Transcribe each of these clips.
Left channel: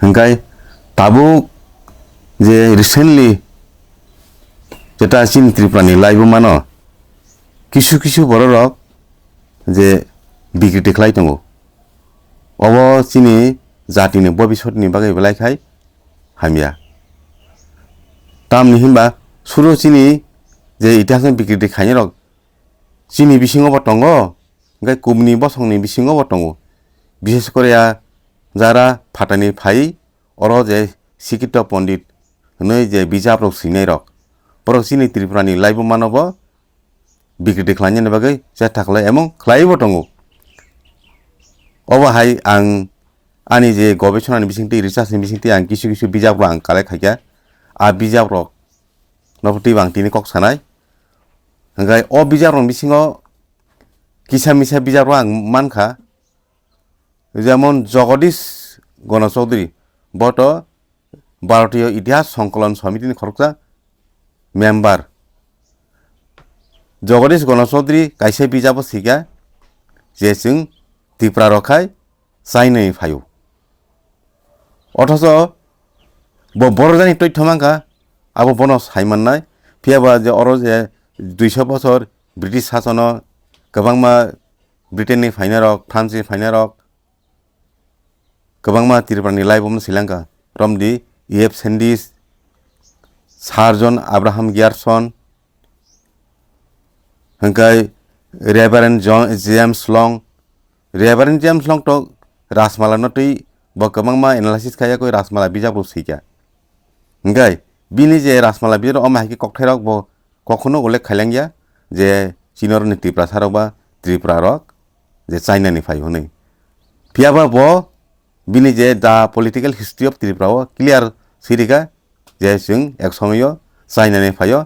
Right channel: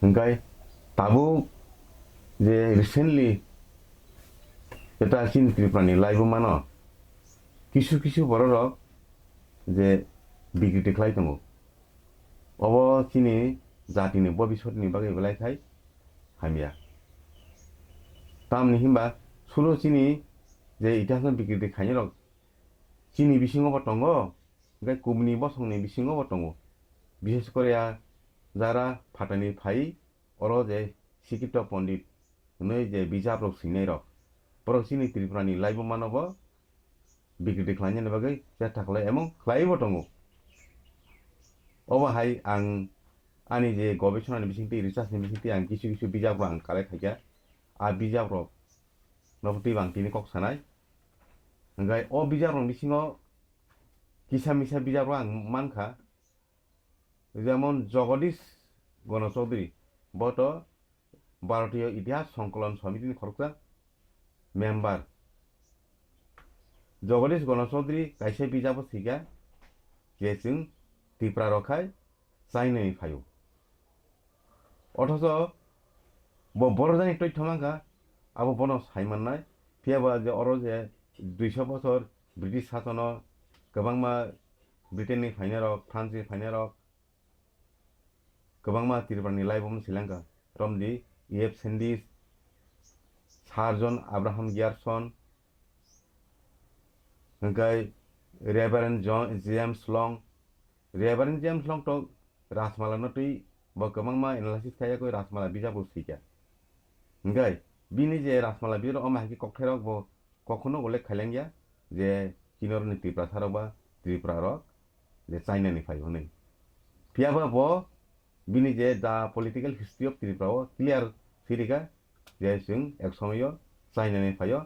Hengkai tabuk je recently যেটা চীন ত্রিপুরানি লাইব মানো কিছু কিছু বড় রক যে বিক্রিতে খাই দङ অব চিনি জাতিनि ভবিষ্যতनि बागै बेलायखाय हामिया तामनि हिमबा सुरु चिनि जे इतिहासनि बिक्रिते खायनि रक चिनि बिसिङावबो दङ ओमफ्राय कुबनि बसंनि बिसिङावबो दङ बिशेष करिया जारा फाटानि फाय अर जे सिकित पण्डित नै जे बिजाब रक सिनाय रक बर' चिनि त्रिपुरानि लाइब मानबो बिक्रिते खालायनि बागै सेस्था खालाय एमं खालायबो दङ अबाहाय आं आंनि जे गवेषणानि बिथिंथि रिसार्चनि बिथिंथि आं किसु किसु बिजाब आं खालायखाया आ बिजाब रक नफति बांतिनि कक सानाय ओमफ्राय अ बिजाब रक बिसिङाव किसा मिसा बिजाब आं मानखा যেমন জগদীশ গণচৌধুরী বট ভারতীয় ইতিহাস সংকলন সমিতিनि খরকজা मेम्बार जगदीश गणचौधरी कायसे बिजाबो सिगा जे जों त्रिपुरा रखाय चाइनानि फायो अथच बर'जानि तथ्य मांखा आबो बनो सायमाननाय फियाबा जे अर जे 200 बছर ब्रिटिश शासन गोबांमा ब्रिटेननि फायनाय रक फ्रान्सनि फायनाय रक गोबांमा त्रिपुरानि लाइबम Sri Lanka रमदि EF सेन्डिस surgeon Abraham गियारसन हंकाय रेभारेन्ड James लं तो राजमाला नतै बकमांमा एनालाइसिस खाया कोई राजमाला बिजाबो सिका हंकाय बिनि जे राजमाला बिजाब अमाहायके ककथायरक ब कखनो उल्लेख खायलांगिया जे चिनरनि त्रिपुरा सारबा त्रिपुरा रक जे चाइनानि फाय हनै पियाबा ब बिनि जे the political history of Tripura clear सिरिका जे जों एक समय चाइनानि फायो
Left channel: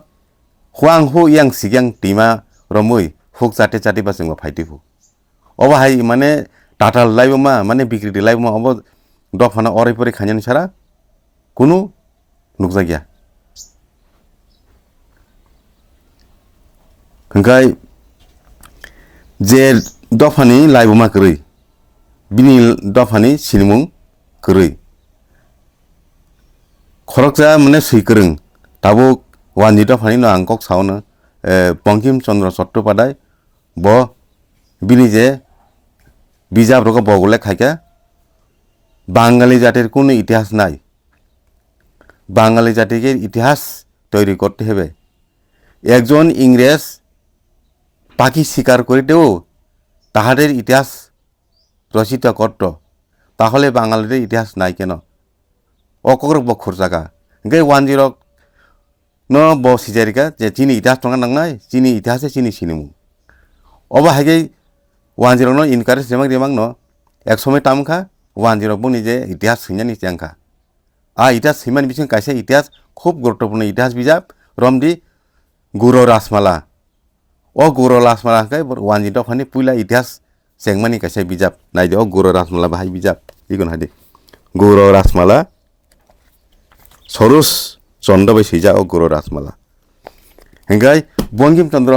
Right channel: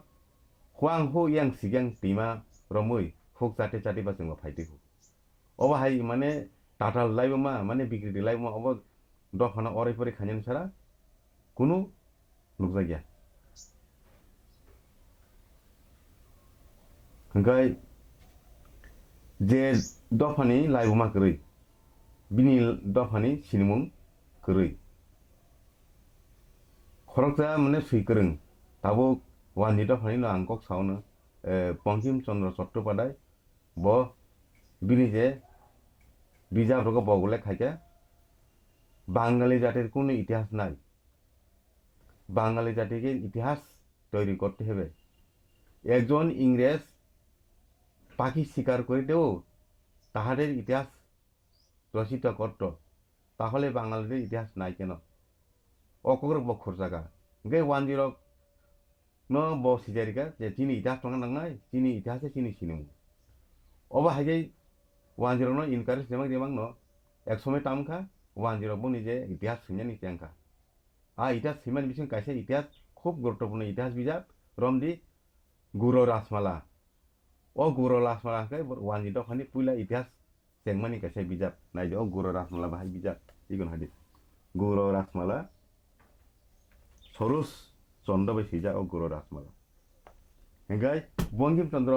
हुआं हु यां सिगां टीमा रमै हुक जाते जाते बा जों फायदिफु अबाहाय माने टाटा लाइबमा माने बिक्रिते लाइबमा अब दफाना अरायपरि खायनि सारा कुनु नुकजा गैया हंकाय जे दफानि लाइबमा करै बिनि दफानि सिनमुं करै खरकजा माने सैकरों दाबो वानजि दफानि न आं कक सावनो बंकिम चन्द्र चट्टोपाध्याय ब बिनि जे बिजाब रक बगले खायका बांगाली जातिर कोनो इतिहास নাই বাঙালি জাতিকে ইতিহাস তৈরি করতে হবে একজন ইংরেজ পাখি শিকার করিতেও তাহাদের ইতিহাস রচিত করত তাহলে বাঙালিদের ইতিহাস নাই কেন অকর বখর জায়গা গে 10 ন বসিজারিকা যে চিনি ইতিহাস টঙ্গা নাংনাই চিনি ইতিহাসে চিনি সিনিমু অবা হাগে 10 ন ইনকারেজ রেমাং ন এক সময় তামখা 10 বুনি যে ইতিহাস সিনানি চ্যাংখা आ इतिहास हिमान बिथिं कायसे इतिहास खूब गुरुत्वपूर्ण इतिहास बिजाब रमदि गुरु राजमाला ओ गुरु राजमाला के वानजि दफानि पुइला इतिहास सेंगमानि कायसे बिजाब नायदो ओ गुरु राजमाला बाहाय बिजाब इगन हादि गुरु राजमाला सरुस चन्द्र बै सैजा ओ गुरु राजमाला हेंगाय बंकिम चन्द्र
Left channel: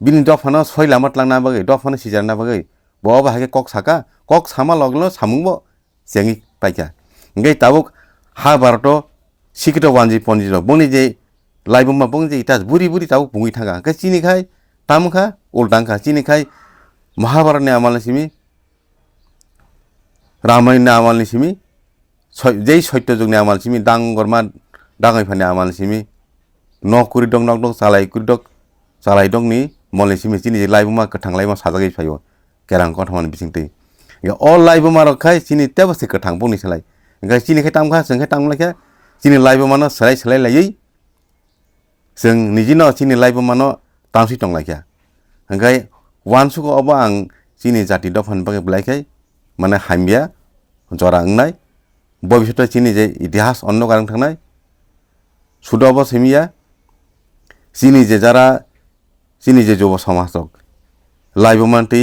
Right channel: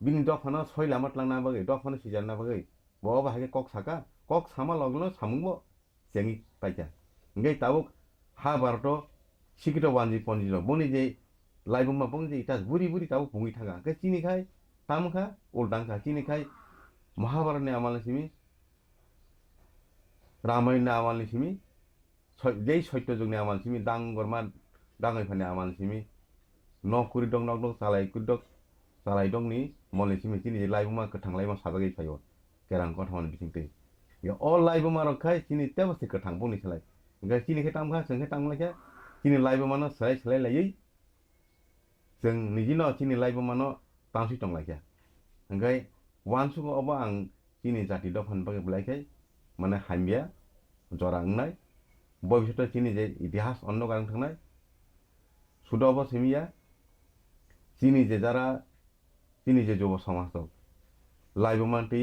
बिनि दफाना सय लामत लांना बागै दफाना सिजारना बागै ब बाहाय कक साका कक सामा लगलो सामुंबो सेंगि पाइका हेंगाय ताबुक हा भारत सिकित वानजि पन्जित बंनि जे लाइबमा बंग जे इतिहास बुरी बुरी ताबुक बुंगि थांगा के चिनिखाय तामखा उल्टांखा चिनिखाय महाभारतनि आमालनिसिमि रामायणनि आमालनिसिमि जै सत्यजुगनि आमालनिसिमि दांगरमा दाङैफानि आमालनिसिमि नकुरि दं नक दं चालाय दंनि मलनिसिमि चिनि जे लाइबमा गोथां लाइबमा साजागै फायो केरां कथमान बिथिंतै अल लाइबमा रखाय चिनि तेबसे गोथां बंनि सोलाय ओंखाय चिनिखाय तामखा जोंखाय तामलायखा चिनि लाइबमानो सोलाय लायै जों निजिनो चिनि लाइबमानो तामसि दंलायखा ओंखाय वानसुखौ अब आं चिनि जाति दफानि बागै बुलायखाय माने हामिया जरा ओंनाय भबिष्यत चिनि जे इतिहास अन्न गारं थांनाय सुदब सेमिया चिनि जे जारा चिनि जे जुब समाज दक लाइबमानति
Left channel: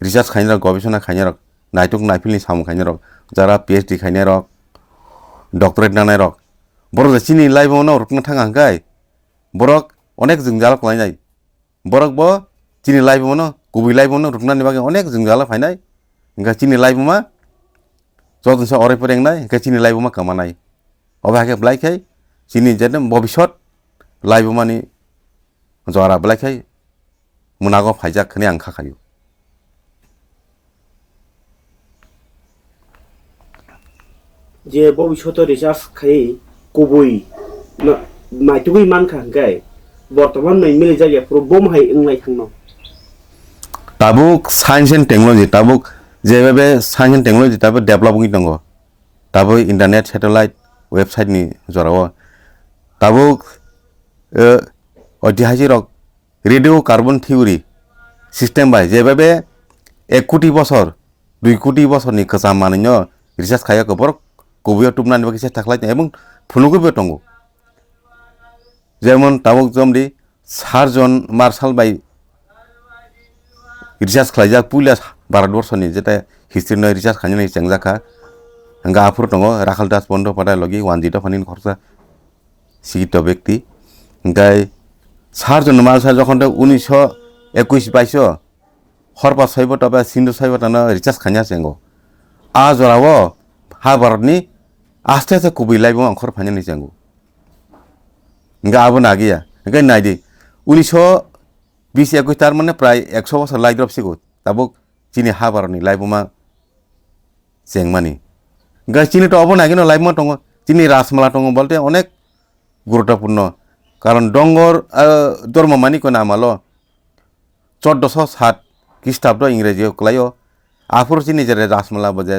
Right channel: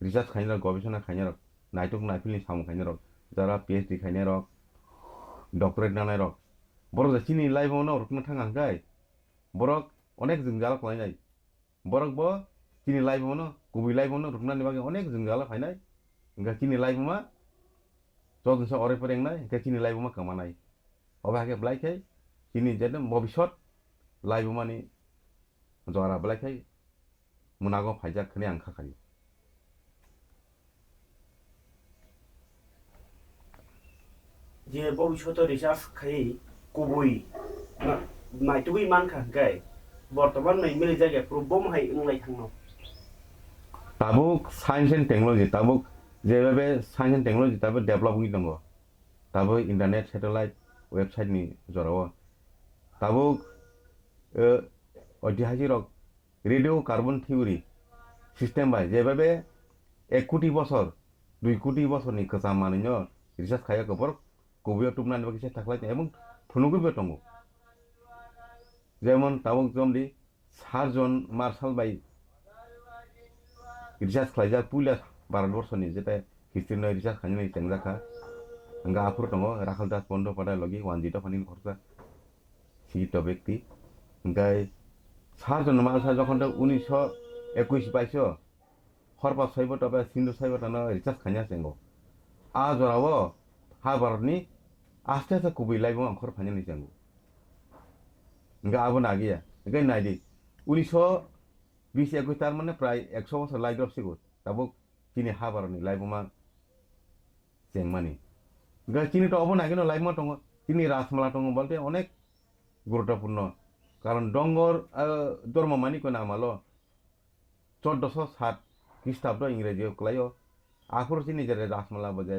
रिसार्च खायनो गवेषणा खायनो नायटक नायफिलनि सामु खायनो जारा PhD खायनाय रक डक्टरेट नानाय रक बर' चिनि लाइबमानो रकना थाङा हंखाय बरक अनेक जोंजाला खालायनाय बरक ब चिनि लाइबमानो गुबै लाइबमानो रकनानि बागै अनेक जोंजाला फायनाय हंखाय चिनि लाइबमा যতনসে অরাইপুর এংনাই হ্যাঁ চিনি লাইবুমা কামানাই অবা হ্যাঁ ব্লাইখাই চিনি যেন ভবিষ্যৎ লাইবুমানি জরা ব্লাইখাই মুনাগো ফাইজাক খানি আং খাখাयो যে ভবিষ্যতে রিসার্চ খাই কবই মাইতুবই মান খাঙ্গাই বর্তমান নাই মিলে জায়গা পুরো বোম হাই ইংলাই থাংনো tabuk science and technology tabuk যেভাবে science and technology তারপর ডেভেলপিং দङ তারপর ইন্টারনেট স্যাটেলাইট ওয়েবসাইট নি জরাও tabuk ঐতিহাসিক rock radio carbon theory system বাই যেভাবে 1 কোটি বছর 2 কোটি বছর নি কাসাম মানিন্য রিসার্চ খায়া কবর কবিও টুমনানি বাকি চেষ্টা খালাইতে এবং ফুনুগুবো দङ যেমন tabuk জমদি সার্জন মার্শাল বাই রিসার্চ খালাইজাক পুইলা भारतवर्षनि जेता हिस्ट्री न रिसार्च खानि चेंजाखा हंगा आफुर दङ राखाल दास बन्धोपाध्याय लगी वानजित फानि खरसा सिगित व्यक्ति गाय सारजन मालसा जखन 1921 22 हरपा साइब तबा सिन्धु साइब तन रिसार्च खानिया चेंगो आ जरावो हा भारतनि आस्ते आस्ते कुबि लाइबो अंखर फानि चेंगो हंगा आबो नागिया हंगा नायदि 1920 21 तार माने प्राय 100 বছর लाइद्रप सिगो ताबो চিনি হাবারনি লাইবুমা চেংমানি গাছ চিনি তো অবনা কিন্তু লাইবুমা দङ চিনি রাসমালা দङ বলতে অনেক গুরুত্বপূর্ণ কারণ ডঙ্গর ধর্মমানি কোন আমালো 1407 খ্রিস্টাব্দ ইংরেজি কলাইও আফুর চিনি যে রাসমালা বজে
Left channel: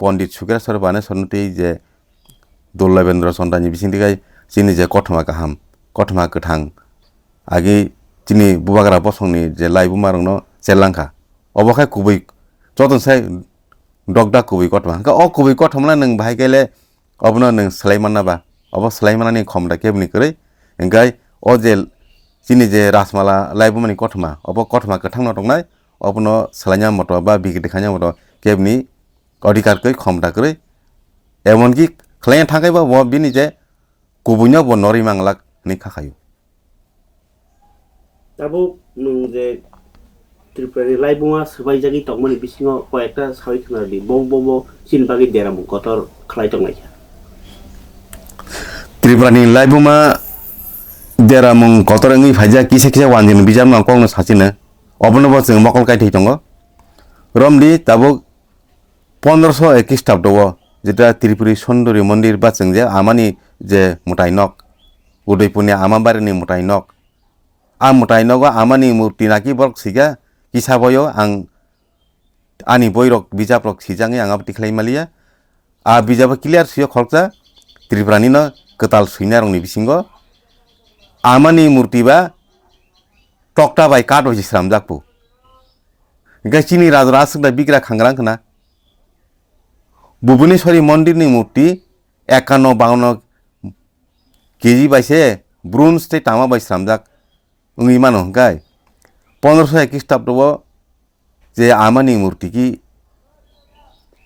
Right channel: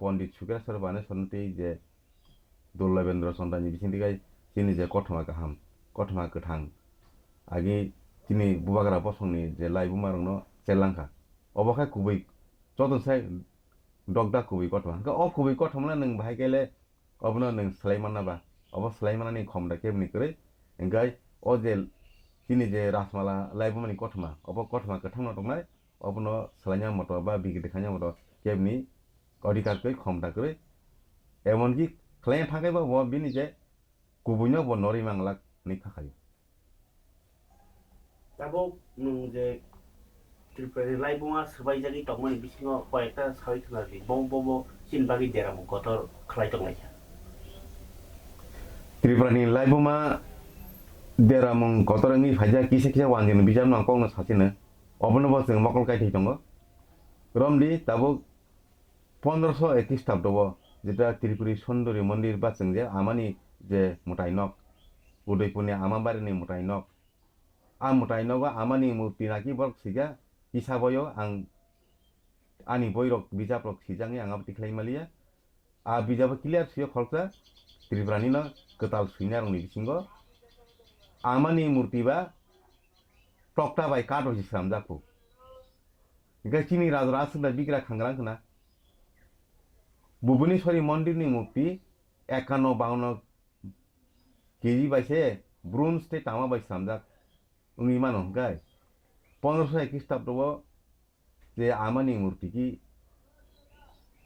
পণ্ডিত সুকেশ্বর বানে সন্নতি যে দুর্লভেন্দ্র চন্দ্রানি বিসিন্দিগাই চিনি যে কঠমা গাহাম কঠমা গোথাং আগে চিনি বুবাগ্রা বসংনি যে লাইবুমা রংनो চেলাংখা অবখাই কুবই যতনসাই ডগডা কুবই কটমা হंका अ कुबई कटमना नों बाहाय गेले अबनो नों सलाइमानाबा अब सलाइमानानि खमदा केबनि करै हंगाय अ जे चिनि जे रासमाला लाइबुमानि कटमा अब कटमा गोथांनो दंनाय अबनो सलाइना मत बा बिगिति खाnya मत केबनि अधिकार कै खमदा करै एमनकि खलाइना थांगायबा ब बिनि जे कुबैनो ब नरि मांगलाक नि खाखायो তাবো নং যে ত্রিপুরানি লাইবুমা সবাই জায়গায় তংমানি বিসিঙ কয়েকটা সাবি খানালি বং বং চিনবাগি দেরাম কতর খালাই তংনাইছা ত্রিপুরানি লাইবুমা देरामं कतरंगि फाइजा किसे किसे वानजिन बिजाम न कौनो साचिनो अबनो बस जों मकल काइथै दङ रमदि ताबो 1501 ख्रिस्टाब्द जेटा त्रिपुरी सुन्दरी मन्दिर बा जों जे आमानि जे मुटाइनक उदयपुरनि आमाबारिनि मुटाइनक आ मुटाइनक आमानि मूर्ति नाकि बरक सिगा किसाबयो आं आनि बयरक बिजाबरक सिजाङै आङा तिख्लाइमालिया आ बिजाब क्लियर सियो खलजा त्रिपुरानि न कताल सुइना रंनि बिसिंगो आमानि मूर्ति बा टक्टा बाय काट होजि स्राम जाकपु गाचिनि राजरासदा बिग्रा खांग्रां खना भुवनेश्वरी मन्दिरनि मूर्ति 51-52 केजी बायसे ब्रोन्ज ते तामा बाय स्रामजाक उंगि मानो गाय 1501 ख्रिस्टाब्द जे आमानि मूर्ति की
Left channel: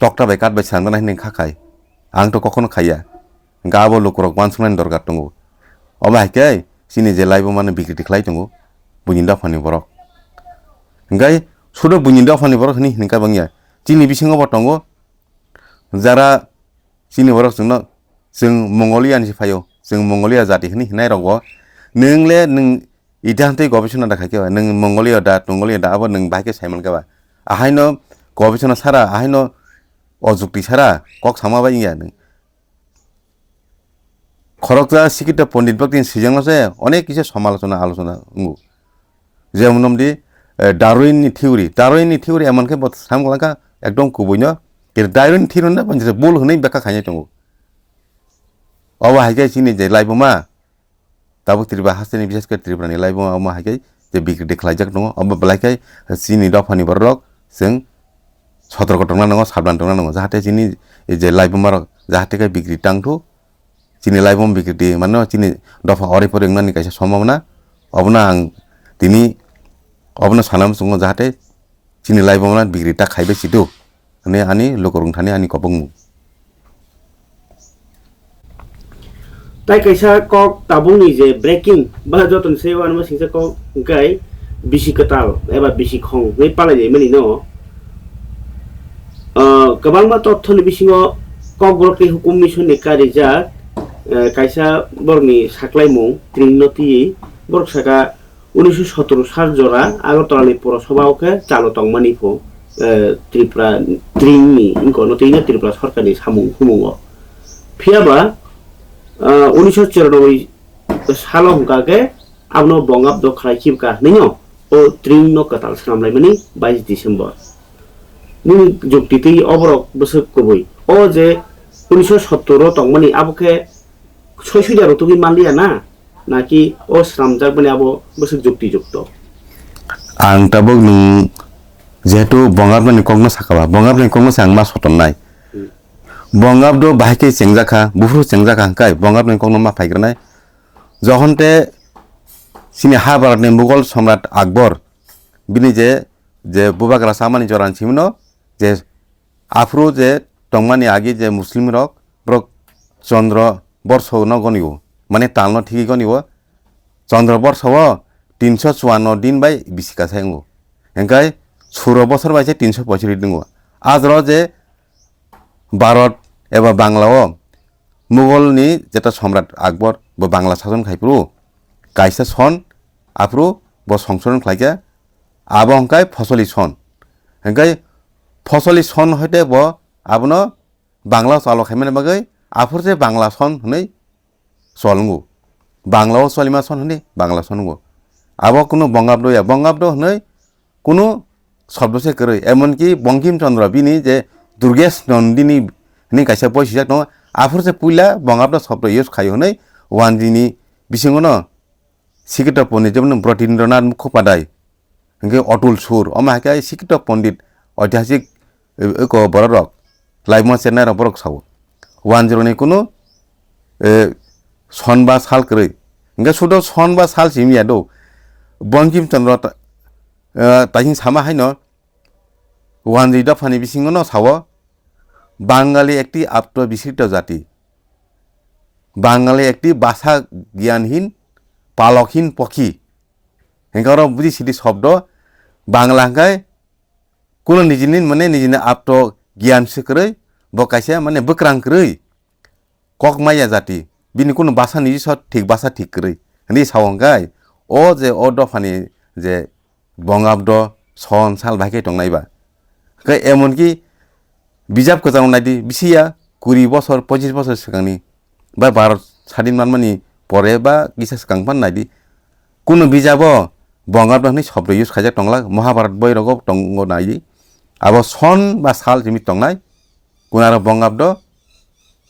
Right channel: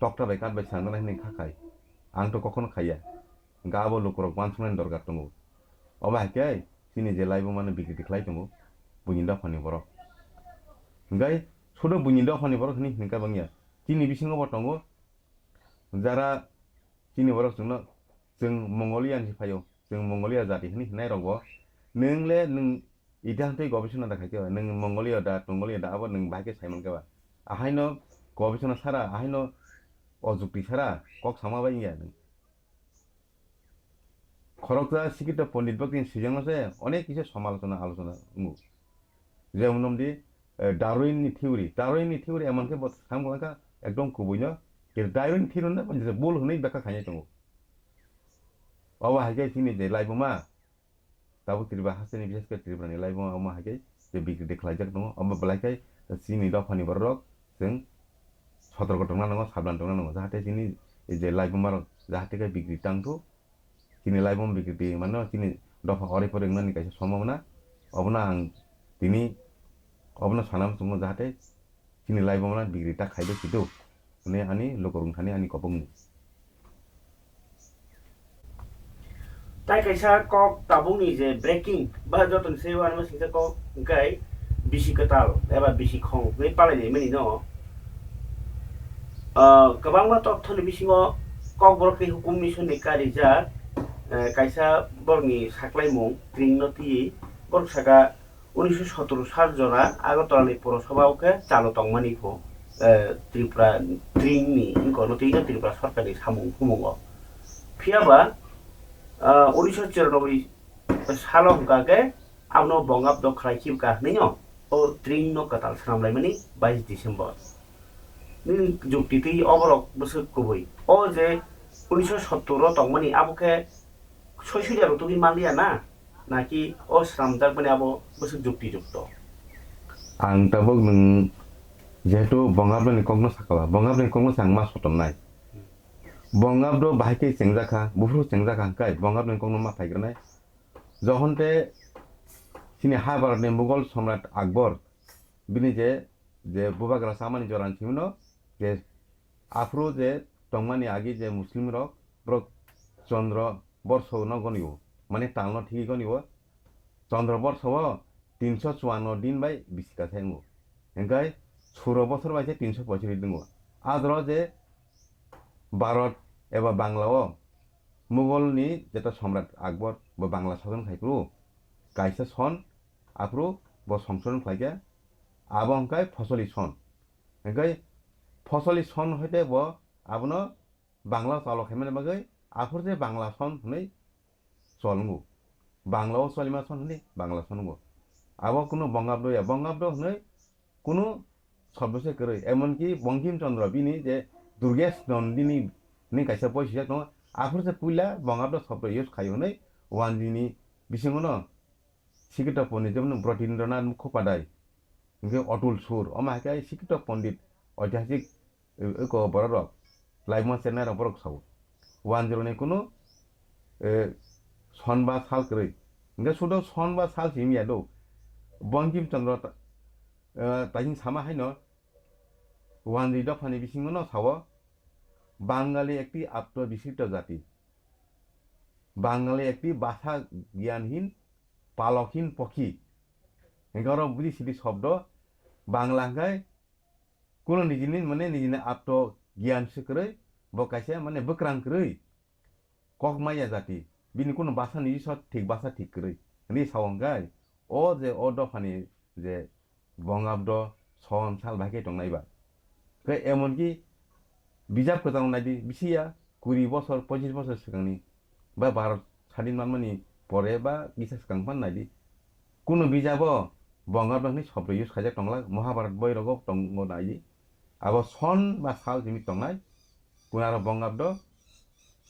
टक्टा बाय काट बाय स्रामना हिने खाखाय आं तो कखनो खाया गाबो लोकरक मानसुनानि दरकार दङ अबायकै सिनि जे लाइबो माने बिक्रि खालाय दङ बुनिदा फानि बरक गाय सुदो बुनिदा फानि बरक नि हिनका बांगिया चिनि बिसिङाव दङ जारा चिनि बरक जों मंगोलियानि फायो जों मंगोलिया जाति हनि हिनाय रगो नोंले नों इदान्ते गवेषणा दाखाके नों मंगोलिया दा अब नों बाके साइमन गाबा आहायनो गवेषणा सारा आहायनो अजुक्ति सारा कक सामा बायिया नों खरकजा शिक्षित पंडित व्यक्ति सिजंसे अनेक किसी समालोचना आलोचना जेमन नमदि डार्विननि थियोरी एमनके सामगलाका एकदम कुबैनो डार्विन थियोरि ना पंजे बोल होनै बेका खायनाय दङ अब हायके सिनि जे लाइबमा ताबो त्रिबा हासनि विशेष कर त्रिपुरानि लाइबमा अब हायके जे बिक्रि देखायजाक दङ अब बलायकै सिनि दफानि बरक जों सतर्क दंना नङ साबधान दंना नङ जाहाथे सिनि जे लाइबमा जाहाथे के बिक्रि टांथु चिनि लाइबम बिक्रि मानो चिनि दफा अरेफोर एंनानि कायसे सम्भावना अबना आं दिनि अबना सानाम सुङो जाहाथे चिनि लाइबमना बिक्रि ता खाइबे सिदु ने आनि लोकरं थानि आनि कबं ताइ कैसा कक ताबुंनि जे ब्रेकिं बा जतन सेवान मा सिंसा कक गाय बिसि कताल एबा बिसि खं नै पालाय मानि न गोबांबा तथ्यनि बिथिङाव कग्रकनि हुकुम मिशननि कारिजाक कायसा बरनि साख्लायमुं त्रिंनति बरकसाका 1917 साल जरा আগরতলাनि পৌরসভাকে চালু তংমানিফো ত্রিপুরা ত্রিংনি ইনকনো তৈনা ত্রিপুরা সরকারनि সামুं हुमुङाव फियाबा 1994 सालाव हुगाके आबनो बंगाब द खायखिबका नैनो ओ त्रिंनो कताल सामलायमानि 22 डिसेम्बर नी जुक्तिति अबरक बोसोर कबई ओ जे 1917 तंमानि आबोके सयसुदिया रतुगि मानलिया ना नाकि ओ स्रामजाक माने आबो बोसोर जुक्ति जुक्त आं ताबो नों जेहेतु बंगाबनि कग्न साखाबा बंगाबनि कग्न सांग मा सतननाय बंगाबदो बाहायके चेंजाखा बुफुर चेंजाखा हांकाय बंगाबनि कग्न मा फायग्रनाय जहनते सिनि हा भारतनि मुगल सम्राट আকবর बिनि जे बुबाग्रा सामानि जरान सिमनो जे आफ्रो जे तंमानि आगे जे मुस्लिम रक ब्रक चंद्र वर्ष न गनियो माने तालनो ठीकी गनियो चंद्र वर्ष 354 दिन बाय बिसिका सायंगो एंकाय 16 बছর बायसे 365 दिनगो आज र जे भारत एबा बांग्लाओ मुगलनि जेटा सम्राट আকবর ब बांग्ला शासन खायप्रु कायसा सन आफ्रो ब संशोधन खायके आबो हंकाय फसली सन हंकाय फसली सन हते ब आबनो बांग्ला चालो खायमाने बागै आफोर जे बांग्ला सन हनै सलंगो बांग्लाओ सलिमा सन हनै बांग्ला सनगो आबो कुनो बंगाब्द हनै कुनो शब्द से करे एमन कि बंकिम चंद्र बिनि जे दुर्गेश नंदिनी नि कायसा बयसिजाक न आफोर जे पुइला बंगाब्द शब्द इउज खायो हनै वानदिनि बिसिङनो शिक्षित पण्डित जेमन ब्रटिन्द्रनाथ मुखोपाध्याय हंके अतुल सुर अमाहाके शिक्षित पण्डित ऐतिहासिक एको बररक लाइमो चेन्नाइ र बरक साव 10 नि कुनो सनबा साल करे हंके सुदो सनबा साल सिमिया दो बंकिम चंद्र ताहिं सामा हायनो वानजि दफानि बिसिङनो साव बांगाली एकटी आप्त विशिष्ट जाति बांगाली एकटी भाषा ज्ञानहीन पालकहीन पक्षी हेंकारो बुझि सिदि शब्द बांग्ला हंकाय कुनो निजिनि माने निजिनि आप्त ज्ञान सिकरै बकायसे माने बक्रांकरै ककमाया जाति बिनि कुनो भाषा निजि स ठीक भाषा ठीक करै नि सावंगाय ओ जे ओ दफानि जे बंगाब्द सन साल भाके टंनायबा कै एमन कि बिजाब गोजाव नायदि बिसिया 20 बছর 25 बছर सिगांनि बा भारत स्वाधीन मानमानि परे बा किसा सिगांफान नायदि कुनो बिजाबो बंगाब्दनि शब्द इउज खायजा टंला महाभारत बैरगो टंगो नायदि आबो सन बा साल जिमि टंनाय कुनार बंगाब्द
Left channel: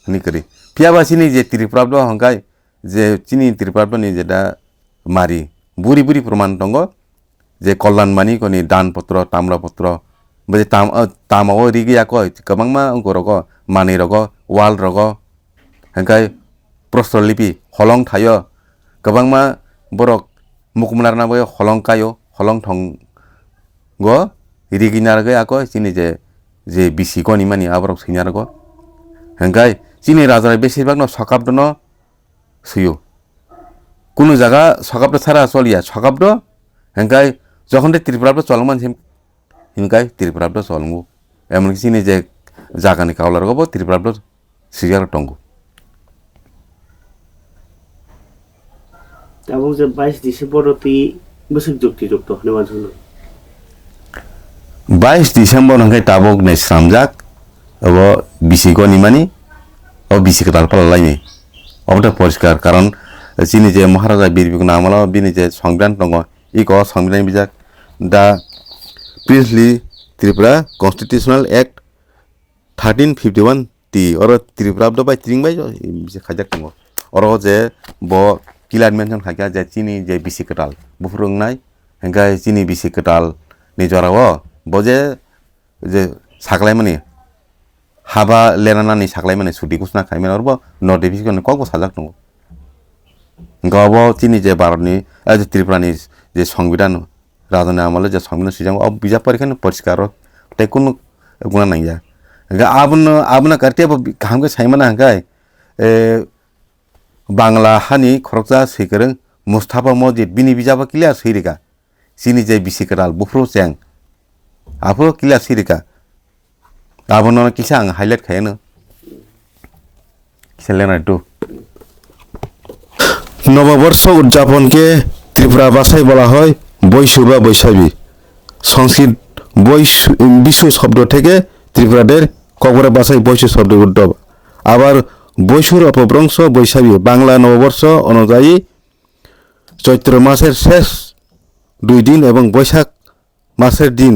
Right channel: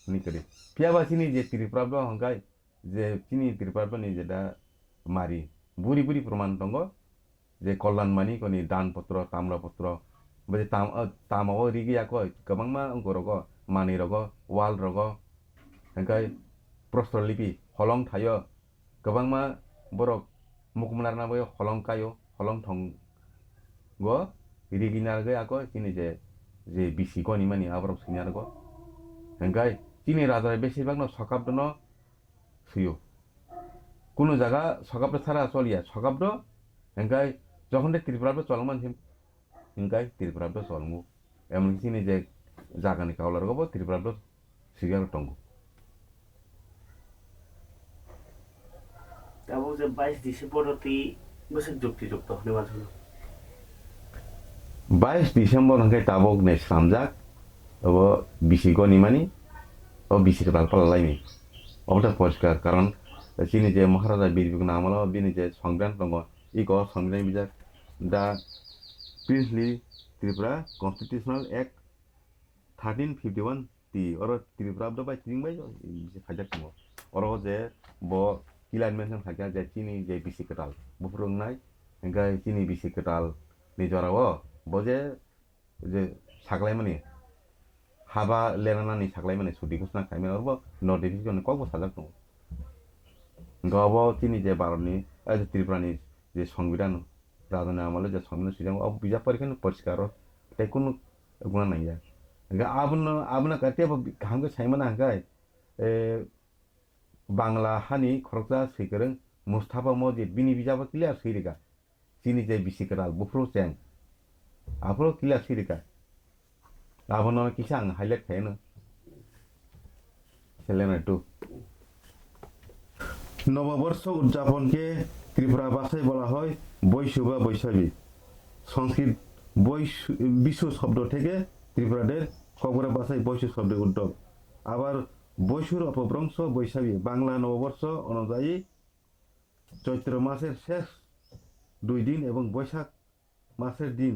निकरि पियाबासिनि जे त्रिपुराब्द हंगाय जे चिनि त्रिपुराब्दनि जेदा मारि बुरि बुरि प्रमाण टंगो जे कल्याणमानि कोनि दानपत्र ताम्रपत्र बे तामाव रिगियाको गोबांमा अंगरगो मानिरगो वालरगो हंकाय प्रस्तरलिपि हलं थायो गोबांमा बरक मुकुमनारनाबो हलं कायो हलं थंगो रिगिनारगो आको चिनि जे बिसिगनि मानि आबरक सैनारगो हंकाय चिनि राजा बेसिरभाग न सकाब्द न सुयो कुनो जागा सकाब्द सारा चलिया सकाब्द हंकाय जखन त्रिपुराब्द चलमान हिमकाय त्रिपुराब्द चलंगो एमन चिनि जे जागानि कावलारगो त्रिपुराब्द सिजार टंगो ताबो जे 22 डिसेम्बर ति बोसोर जुक्ति जुक्त हने मानसुनो 22 डिसेम्बर हंकाय ताबो ने श्रामजाक अब बिसिको निमानि अब बिसिको तालपालायनि अब परिष्कार कारण चिनि जे महाराजा बिरबिको नामला बिनि जे संविधान दङ इको संविधान बिजाक दा princely Tripura constitutional act 1351 T और Tripura the by त्रिंग by J खाजाक दङ और जे ब किलार मेनसन खाया जे चिनि जे बिसिकटाल बुफुरंनाय हंगाय चिनि बिसिकटाल नि जराव बजे जे सागलायमानि हाबा लेनानानि सागलायमानि सुदि घोषणा खायमेन और नोटिफिकेशन कक साजाक दङ गाव चिनि जे भारतनि त्रिपुरानि जे संविधान राजानि आमले जे संविधान सिजां अब बिजाब परिखान परिष्कार टेकुन गुना नांया आबनो करते हमके साइमना हंगाय बांग्ला हानि खरकजा सैकरं मुस्ताफा मस्जिद बिनि बिजाबा क्लियार सैरिका चिनि जे बिसिकराल बुफ्रो चें आफो क्लियार सैरिका আবনো কিসা আং হাইলাইট খায়ানো কিসা লেনার টু নববর্ষ উদযাপনকে ত্রিপুরা ভাষায় বলা হয় বৈশু বা বৈশাখী। সংস্কৃত বিশু শব্দ থেকে ত্রিপুরাদের ককবরা ভাষায় বৈশু শব্দ উদ্ভব। আবার বৈশুর অপভ্রংশ বৈশাখী। বাংলা নববর্ষ অনুযায়ী চৈত্র মাসের শেষ 2 দিন এবং বৈশাখ মাসের দিন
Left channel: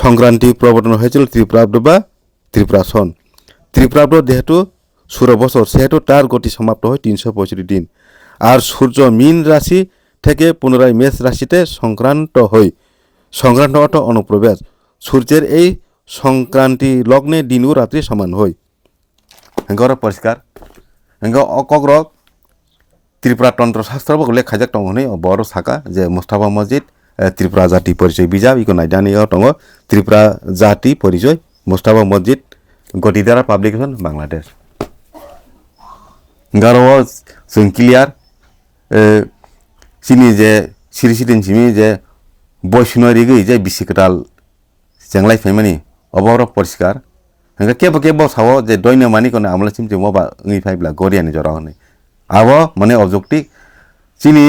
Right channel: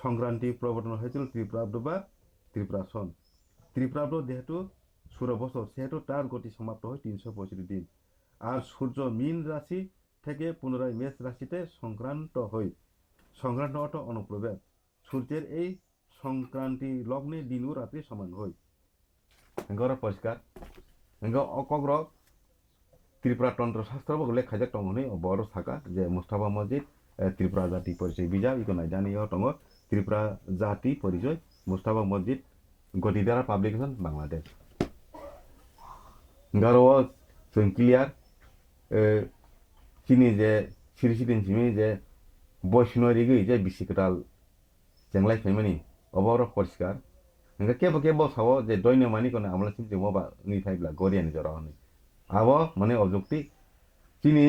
সংক্রান্তি প্রবর্তন হয়েছিল ত্রিপ্রাব্দ বা ত্রিপুরা সন। ত্রিপ্রাব্দ যেহেতু সূর্য বছর সেহেতু তার গতি সমাপ্ত হয় 365 দিন। আর সূর্য মীন রাশি থেকে পুনরায় মেষ রাশিতে সংক্রান্ত হয়। সংক্রান্ত অর্থ অনুপ্রবেশ। সূর্যের এই সংক্রান্তি লগ্নে দিন ও রাত্রি সমান হয়। হেঙ্গর পরিষ্কার হেঙ্গ অকগ্রক ত্রিপুরা তন্ত্রশাস্ত্র বলে খাইজাক দङ হनै বড় শাখা যে মুস্তাফা মসজিদ ত্রিপুরা জাতি পরিচয় বিজাব ইকো নাইদানিয়াव दङ ত্রিপুরা জাতি পরিচয় মুস্তাফা মসজিদ গতিধারা পাবলিকেশন বাংলাদেশ গারো जों क्लियार सिनि जे सिरिसिदिन सिमि जे बयसुनरि गै जे बिसिकटाल जेंलाय फैमानि अबावरो परिष्कार हेंगा केबो सावो जे दयनो मानि कोन आमला सिम जे मोबा ngै फाइब्ला गरियानि जरा हनै आबो माने अबजेक्टिव सिनि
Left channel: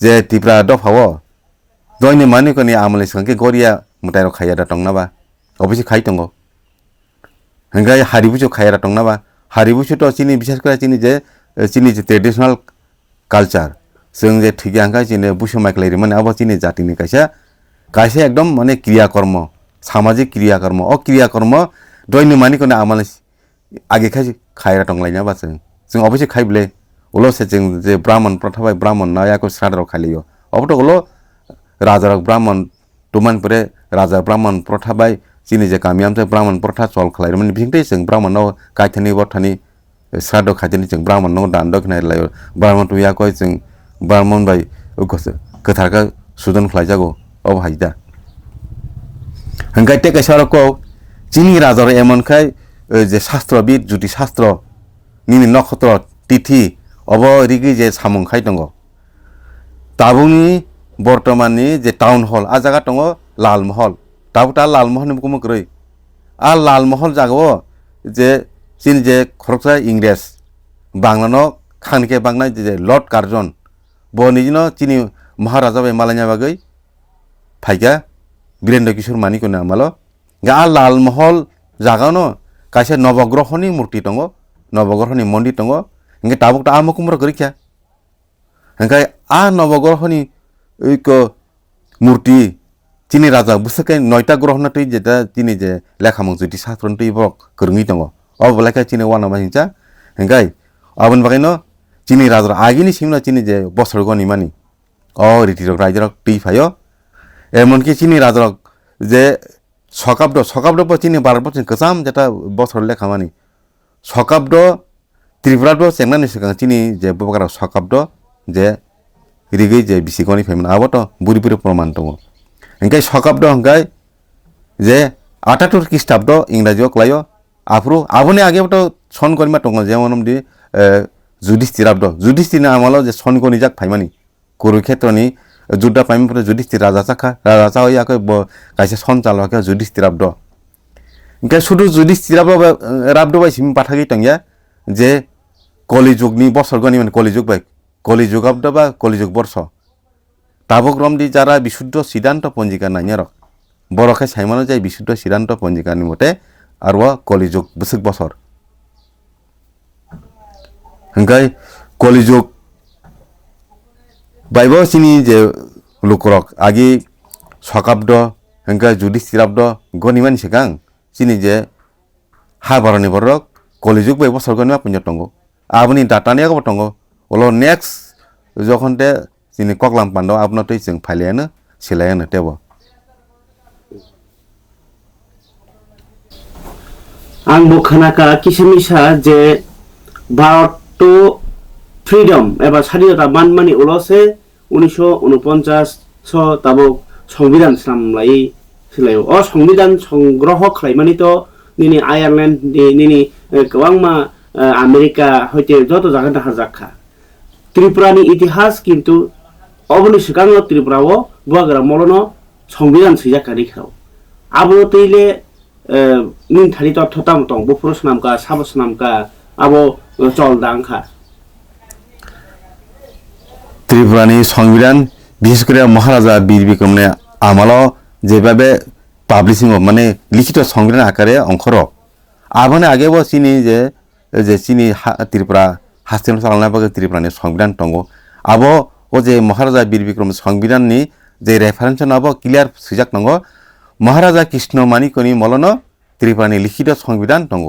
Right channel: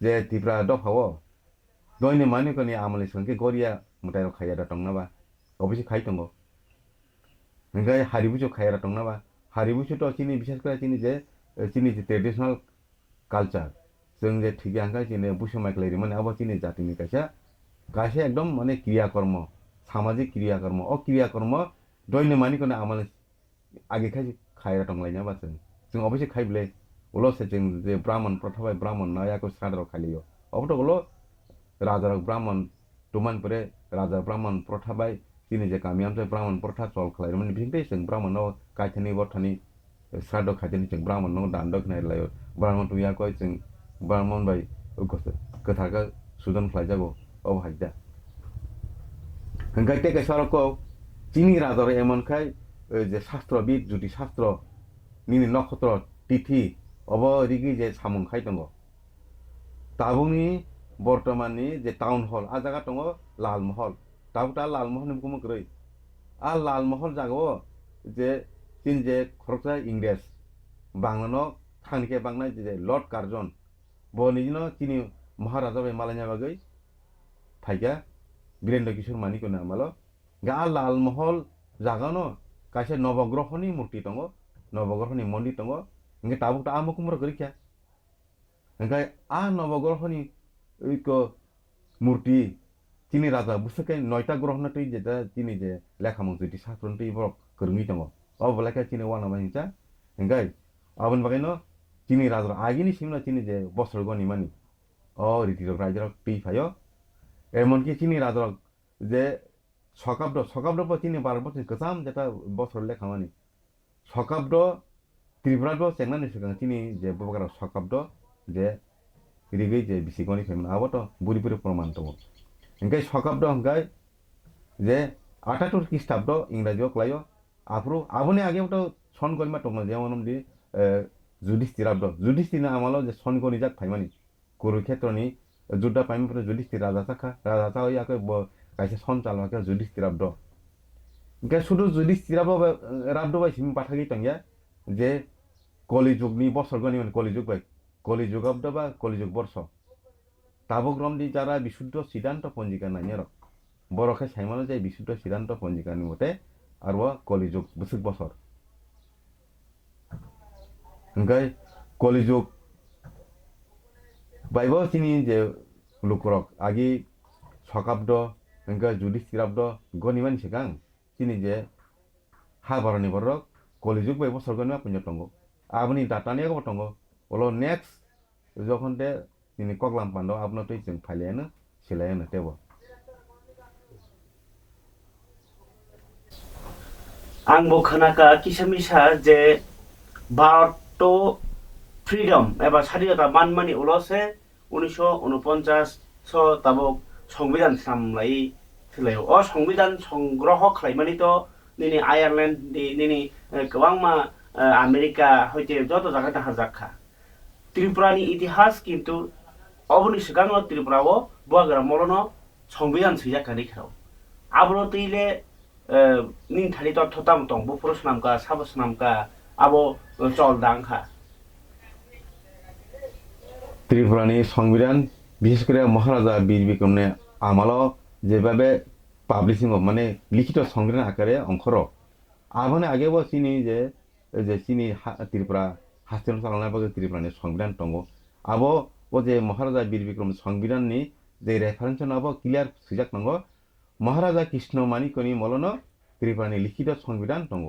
जे टिप्रा दफावो दयनो मानि कोन आमला संके गरिया मुतायरो खाया दा तंगनाबा अबसि खाइ दङ हेंगा हारिबुजो खाया दा तंगनाबा हारिबुजो तो सिनि बिशेष करे सिनि जे ट्रेडिशनल कालचार जों जे थिगे आंगा जिने बुसो माइक्लाइरि माने आबो सिनि जातिनि कायसे एकदम माने क्रियाकर्म सामाजिक क्रियाकर्म अ क्रियाकर्म दयनो मानि कोन आमला आगे खाया दंलायना बासो जों अबसि खाइब्ले उलसे जों जे ब्राह्मण प्रथाबाय ब्राह्मण नायाको श्राद्ध खालियो अबतो उलो राजा ब्राह्मण तुमानपुरे राजा ब्राह्मण प्रथाबाय सिनि जे गामियामते ब्राह्मण प्रथा चल खालायरो माने बिथिंते जों ब्राह्मणनाव कायथानि बथानि श्राद्ध खायथानि जों ब्राह्मणनाव दान दखनाय लायो ब्राह्मण तुयाको जों ब्राह्मण बाय गोथारखा सुदन खालायजागौ अब हायदा हंगायते कैसारको चिनि राजार एमनखाय जे शास्त्रबिद जुदि शास्त्र निनि नक्षत्र तिथि अब रिगि जे सामुंखाय दङ ताबुनि बर्तमाननि जे टाउन हल आ जागा दङ लालमहल ताबुता लालमहल बुङो ग्रै आ लालमहल जागो जे चिन जे खरकसा इंग्रेज बांलानो खानके बांनाय जे लर्ड कार्जन बनिजिनो चिनि महाराजा बाय मालायना बागै फाइगा वीरेन्द्र किशोर मानि कोन आमालो गा लालमहल जागानो कायसे नवग्रहनि मूर्ति दङ नवग्रहनि मन्दिर दङ इंगे ताबुकटा आमकुमर गरिख्या हंगाय आ नवग्रहनि इको मूर्ति चिनि राजा बुसके 9टा ग्रह न तै जेता चिनि जे लेखामं जुदि शास्त्र तै बक करङि दङ अब लायका चिनि वाना माहिंचा हंगाय आबन बागैनो चिनि राजा आगिनि सिमना चिनि जे बसरगनि मानि अ रिटिरक रायजरक तै फायो एमनकि चिनि राजा जे सकाब्द चिनि 12 बछर गोजाम जेता बसर लेखा मानि सकाब्द त्रिपुराद सेंनानि सिगां चिनि जे बगारा सकाब्द जे रिगै जे बिसिगनि फेमन आबो तो बुरि प्रमाण दङ इंगाय सकाब्द हंगाय जे 78 ख्रीष्टाब्द इंराजियाव क्लायो आफ्रु आबोनि आगे तो सन गरिमा दङ जेमनमदि जुधिष्ठिरनि आमालाव जे सन गनि जाक फाइमानि कुरुक्षेत्रनि जुद्ध पाइमफ्राय जुधिष्ठिर राजा होयाखै कायसे सन चालवाखै जुधिष्ठिराब्द इंगाय सुदु जुधिष्ठिराब्द बाय सिम पाथागै तंया जे कलिजुगनि बसरगनि माने कलिजुग बाय कलिजुगाब्द बा कलिजुग वर्ष ताबक्रमदि जारा बिशुद्ध सिद्धान्त पञ्जिका नायनार बरखाय साइमानो जाय बिशुद्ध सिद्धान्त पञ्जिकानि मते आरो कलिजुग बोसोर बसर हंगाय कलिजुग बायबो सिनि जे लुकरक आगि सकाब्द हंगाय जुधिष्ठिराब्द गनिमानि सिगां सिनि जे हाबारनि बरक कलिजुग बाय बसरगनि पञ्जा दङ आबनि दातानियागो दङ उलो नेक्स्ट जखनते सिनि ककलाम पान्डव आपनतै जों फाइलायानो सिलायानो तेबो आंबो खोनाका किसमिसा जे भारत तो फ्रीडम एबा स्वाधीनता मानमानि उलसे 1949 ताबो संविधान सामलाय सिलायो अ संविधान संग्रह खालायमानि तो निनि आयारलेण्ड निनि गोबांमा आमेरिका हयते जत जागा दाहा जाखा त्रिपुरानि इतिहास किन्तु अबनि सिगाङाव त्रिपुराव बुवाग्रा मलनो संविधान सैजाखारि खाव आबो तैले min thani to thotam tong bo puro snam ka sabo snam ka abo chol dang kha ত্রিপুরানি সংবিধান বিশেষ করে মহারাজা বীর বিক্রমনে আমলাও যেভাবে পাবলিশিং মানে লিখিত সংবিধান আকারে অংশর আবানে আগেও চিনি যে যে চিনি ত্রিপুরা হাস্তেন চালানা বাকে ত্রিপুরানি সংবিধান দङ আবো ও যে মহারাজা বীর বিক্রম সংবিধাননি যে রেফারেন্স নাবো ক্লিয়ার সুজাক দङ মহারাজা কৃষ্ণ মানিকনি মলন ত্রিপুরানি লিখিত সংবিধান দङ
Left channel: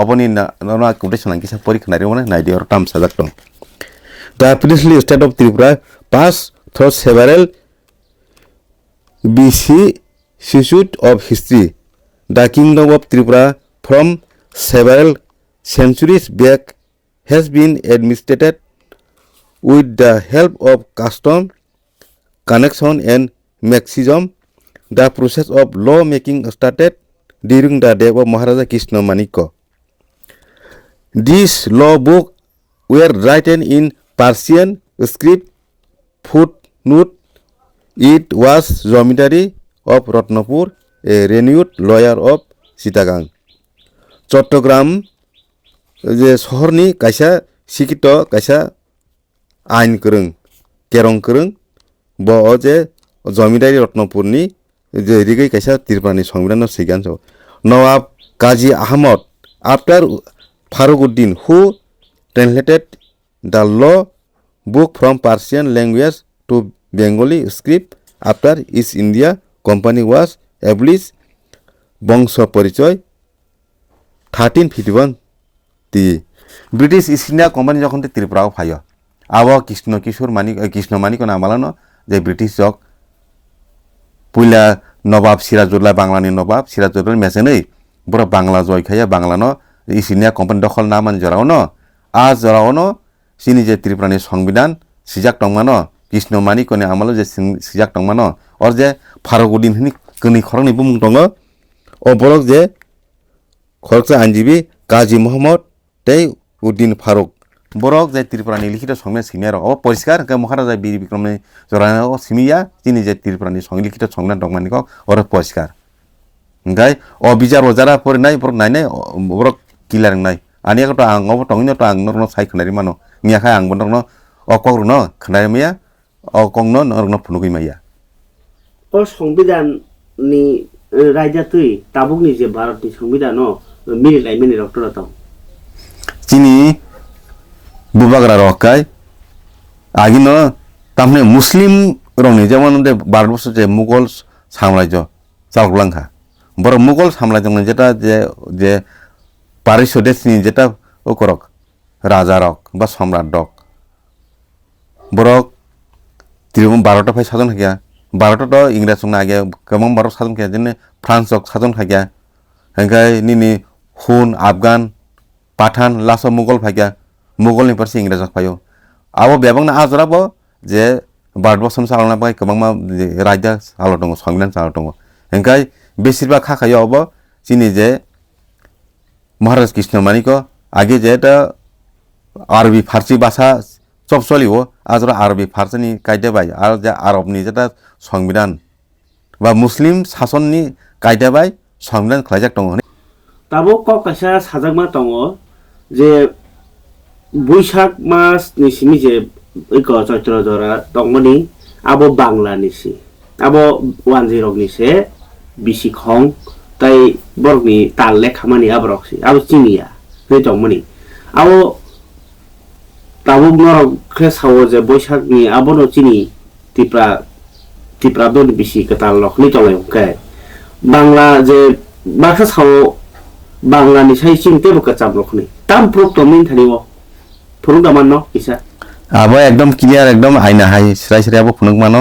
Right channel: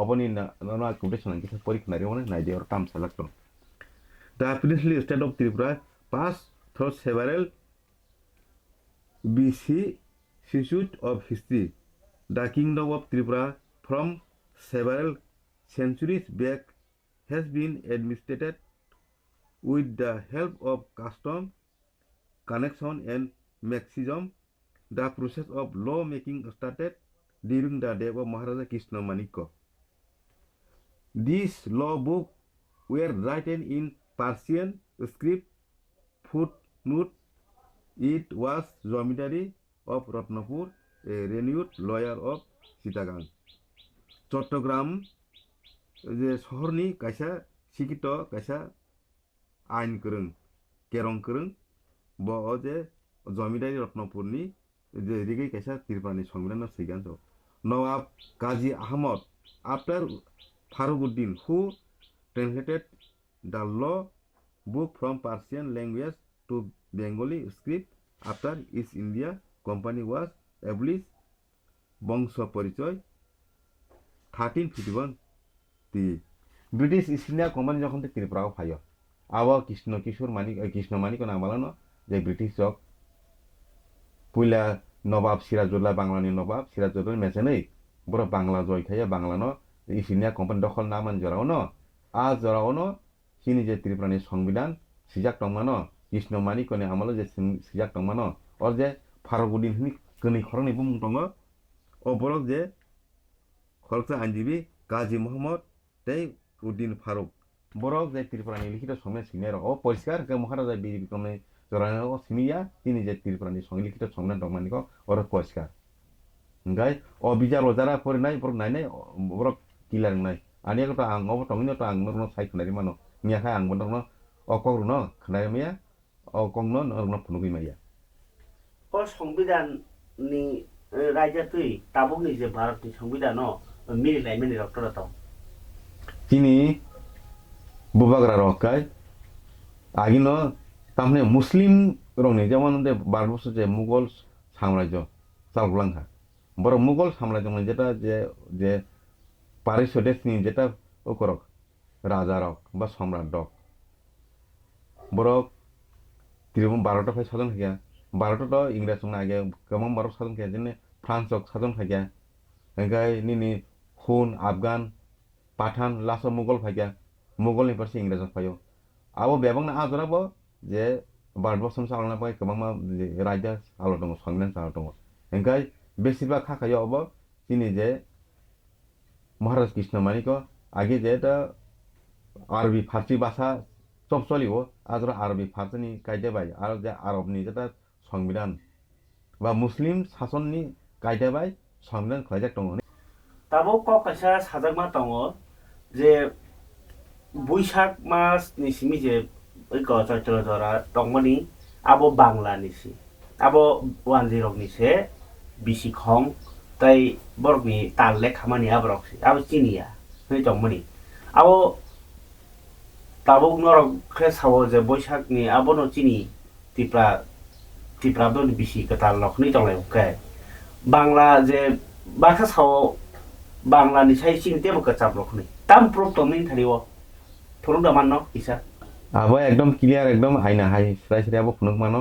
অবনি না কোটেশন কিসা পরীক্ষা নারি মানে নাইডি আর টাম সাজাক দङ The princely state of Tripura passed through several vicissitudes of history. The kingdom of Tripura from several centuries back has been administered with the help of custom, connection and maximum. The process of law making started during the day of Maharaja Krishna Manikko. These law books were written in Persian script footnote. It was Jomidari of Ratnapur, a renowned lawyer of Sitagang. Chattogram je শহরনি কাইসা শিক্ষিত কাইসা আইন করং কেরং করং ব যে জমিদারি রত্নপুরনি যে এদিকে কাইসা ত্রিপুরানি সংবিধান সিগান Nawab Kazi Ahmad after Farukuddin who translated the law book from Persian language to Bengali script after East India Company was established. Bongsho Porichoy 1351 তি ব্রিটিশ ইস্ট ইন্ডিয়া কোম্পানি যখন ত্রিপুরাও ফাইয় আব কৃষ্ণ মানিক নামালানো যে ব্রিটিশ যক পইলা নবাব সিরাজউদ্দৌলা বাংলানি নবাব সিরাজউদ্দৌলা মেসেনই বড় বাংলা জয় খাইয়া বাংলানো ইস্ট ইন্ডিয়া কোম্পানি দখল না মান জরাওনো আজ জরাওনো সিনি যে ত্রিপুরানি সংবিধান সিজাক টংমানো কৃষ্ণ মানিকনি আমালো যে সিজাক টংমানো অর যে ফারুকউদ্দিন হিনি কনি খরংনি বুমুং দङ ও বরক যে খরকসা আইনজীবী কাজী মোহাম্মদ তেই উদ্দিন ফারুক বরক যে ত্রিপুরানি লিখিত সংবিধান সিমিয়ার ও পরিষ্কার মহারাজা বীর বিক্রমনি জরানো সিমিয়া তিনি যে ত্রিপুরানি লিখিত সংবিধান দংমানিক ওর পরিষ্কার গাই ও বিচার যারা পরে নাই বরক নাই নাই বরক কিলার নাই আনিয়া তো আং অব টংনি তো আং নরনো সাই খনারি মানো নিয়াখাই আং বনরনো অকরনো খনারি মাইয়া অকংনো নরনো ফুনুগই মাইয়া ও সংবিধান ni রাজা তুই তাবুকনি যে ভারতনি সংবিধান মিলিলাই মিনি ডক্টর তাও চিনি বুবাগরা রকাই আগিনো তামনে মুসলিম রংনি যেমন ভারতবর্ষ যে মুঘল সাম্রাজ্য চালকলাঙ্কা বড় মুঘল সাম্রাজ্য যেটা যে পারিস দেশনি যেটা ও করক রাজা রক বা সম্রাট রক বরক তিরুম 12টা ফাই সাজন খাইয়া 12টা তো ইংরেজ সঙ্গে আগে কেমন 12 সাজন খাইয়া যেনে ফ্রান্স রক সাজন খাইয়া হেঙ্কাই নিনি হুন আফগান পাঠান লাস মুঘল ফাইয়া মুঘলনি পারছে ইংরেজ ফাইও আবো বেবাংনা আজরাবো যে ভারতবর্ষ চালনা পাই কেমন রাজ্য চালো দङ সংবিধান চালো দङ হেঙ্কাই বেশিরভাগ খাখাইও অব চিনি যে মহারাজ কৃষ্ণ মানিক আগে যেটা আরবি ফার্সি ভাষা সব চলিব আজ আরবি ফার্সিনি কাইদাবাই আর যে আরবনি যেটা সংবিধান বা মুসলিম শাসননি কাইদাবাই সংবিধান খাইজাক দङ তাবো ককাইসা সাজাকমা দङ যে বৈশাখ মাস নিসিমি যে ঐক চৈত্র ধরা দংমনি আবো বাংলা নিসি আবো 10 নিসে বিসি খং তাই বরগনি তালে খামানি আবরকসি আবো চিনিয়া নে দংমনি আবো তাবো নরক খেসাও যে বৈশাখনি আবো ন চিনি টিপ্রা দন বিসি কতাল লখনি দংলাই কে বাংলা যে বাখা সাও বাংলানি সাই চিনতে বকা চাপ লখনি তাম প্রক্ত মিন থানিও ফুরুং দামান ন ইসা আবো একদম ক্লিয়ার একদম আইনা হাই সিরাই সিরাই আবো ফুনুক মানো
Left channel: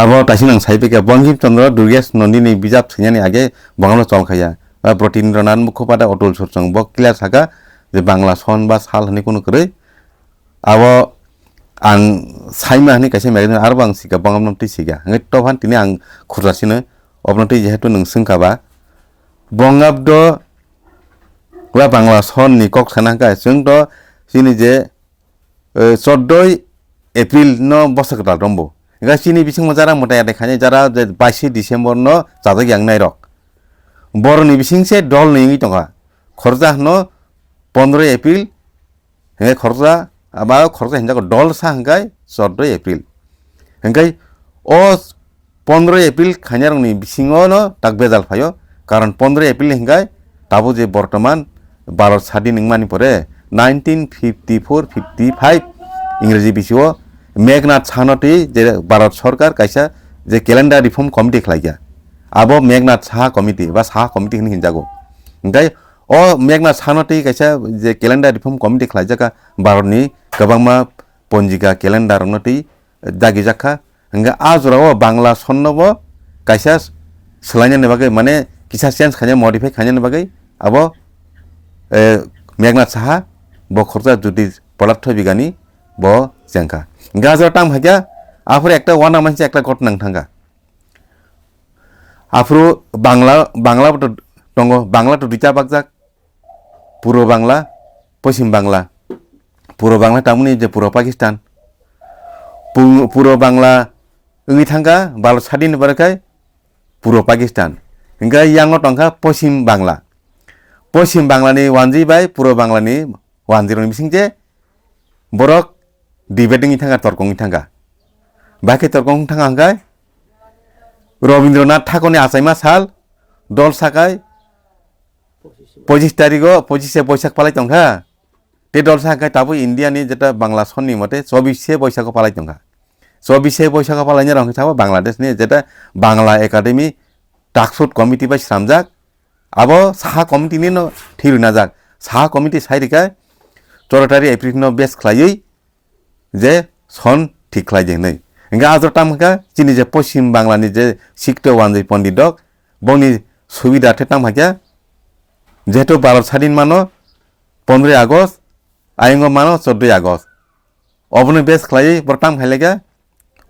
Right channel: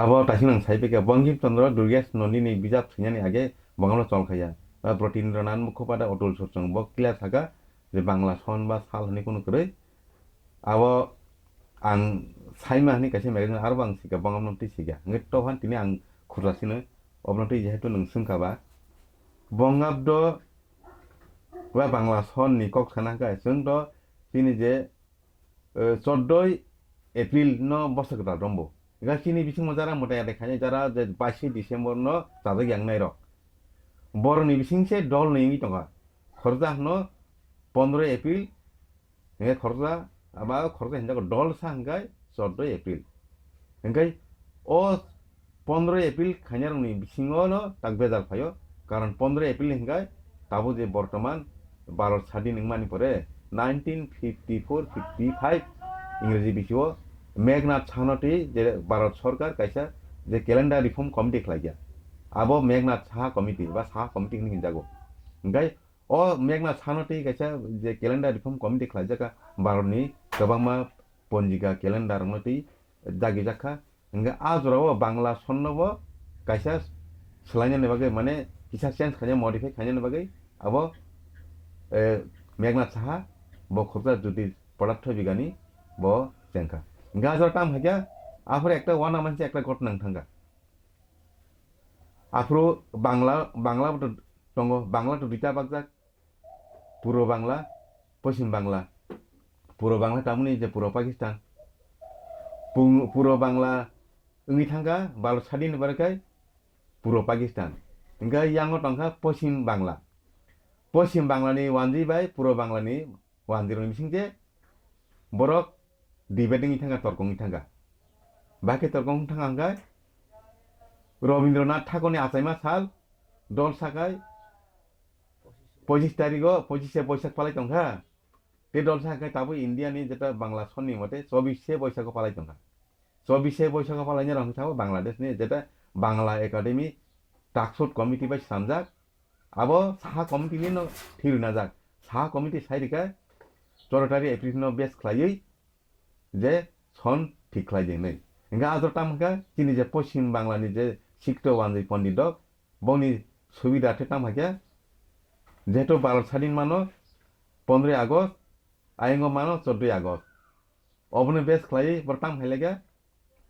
আবো তাইসিং নাং সাইপেকে বঙ্কিমচন্দ্র দুর্গেশ নন্দিনী বিজাব সিংয়ানি আগে বাংলা চল খাইয়া প্রতীন্দ্রনাথ মুখোপাধ্যায় অতুল সরচং ব ক্লিয়ার থাকা যে বাংলা সন বা সাল হানি কোনো করে আবো আং সাইমা হানি কাছে মেগেন আরো আং সিকা বঙ্গমন্ত্রী সিকা হে তফান তিনি আং খুরজাसिनो অবনতি যেহেতু নং সিংকাবা বঙ্গাব্দ বা বাংলা সননি কক সানাকা जों তো চিনি যে 14 এপ্রিল ন বছরটা দম্বো গাছিনি বিসিং যারা মোটায়া দেখানি যারা 22 ডিসেম্বর ন জাদা গ্যাং নাই rock boroni bisingse dol ningi tonga khorja no 15 April he khorja aba khorja hinja ko dol sa hangai 14 April hangai o 15 April khanyarong ni bisingo no takbedal phayo karon 15 April hingai tabo je bortoman Bharat Sadin ningmani pore 1954-55 ইংরেজি বিসিও মেঘনাথ সাহানটি যে ভারত সরকার কাইসা যে calendar reform committee খাইয়া আবো Meghnad Saha committee বা Saha committee হিনি যাগো ओमफ्राय अ मेघनाथ साहानति काइसा जे क्यालेन्डार reform committee खालायजाका भारतनि गोबांमा पन्जिका क्यालेन्डार नति दागि जाखा हंगा आजराव बांग्ला सन्नबो काइसा सोलायनो बागै माने किसा चेन्ज खाने मडिफाइ खाने बागै आबो मेघनाथ साहा ब खरजा जुदि पदार्थ बिगानि ब जेंखा गाजर टाइम हागिया आफर एकटा वाना मानसि एकटा घटना थांगा आफरो बांग्ला दङ बांग्ला तो दुइटा बागजाक पूर्व बांग्ला पश्चिम बांग्ला पूर्व बांग्ला तामुनि जे पूर्व पाकिस्तान पूर्व बांग्ला ओंगि थांगा भारत सादिन बारखाय पूर्व पाकिस्तान इंगा यांगो तंखा पश्चिम बांग्लानि वानजि बाय पूर्व बांग्लानि वानजिरनि बिसिंजे बरक डिबेटिंग थांगा तर्कंनि थांगा बाखि तर्कं थांगा हांगाय रवीन्द्रनाथ ठाकुरनि आसाइमा साल दल साकाय 25 तारिखो 25 बैसाख पालाय तंखा ते दल साकाय ताबो इन्डियानि जेटा बांग्ला सननि मते 24 बैसाख पालाय तंखा 24 बैसाख पालायनि रंखि थाबो बांग्लादेशनि जेटा बांग्ला एकाडेमी टाकसुट कमिटि बाय सामजाक आबो साहा कमिटिनि न थिरुना जाक साहा कमिटि साइरिकाय 14 तारिख एप्रिल न बेस खलायै जे सन ठीक खलायजे नै इंगा आजर तामका चिनि जे पश्चिम बांग्लानि जे सिक्तो वानजै पण्डित दक बनि सुबिदा थे तामहाया जेहेतु भारत स्वाधीन मानो 15 আগস্ট आयंगो मानो 14 আগস্ট अबनो बेस खलायै बरताम हायलेगा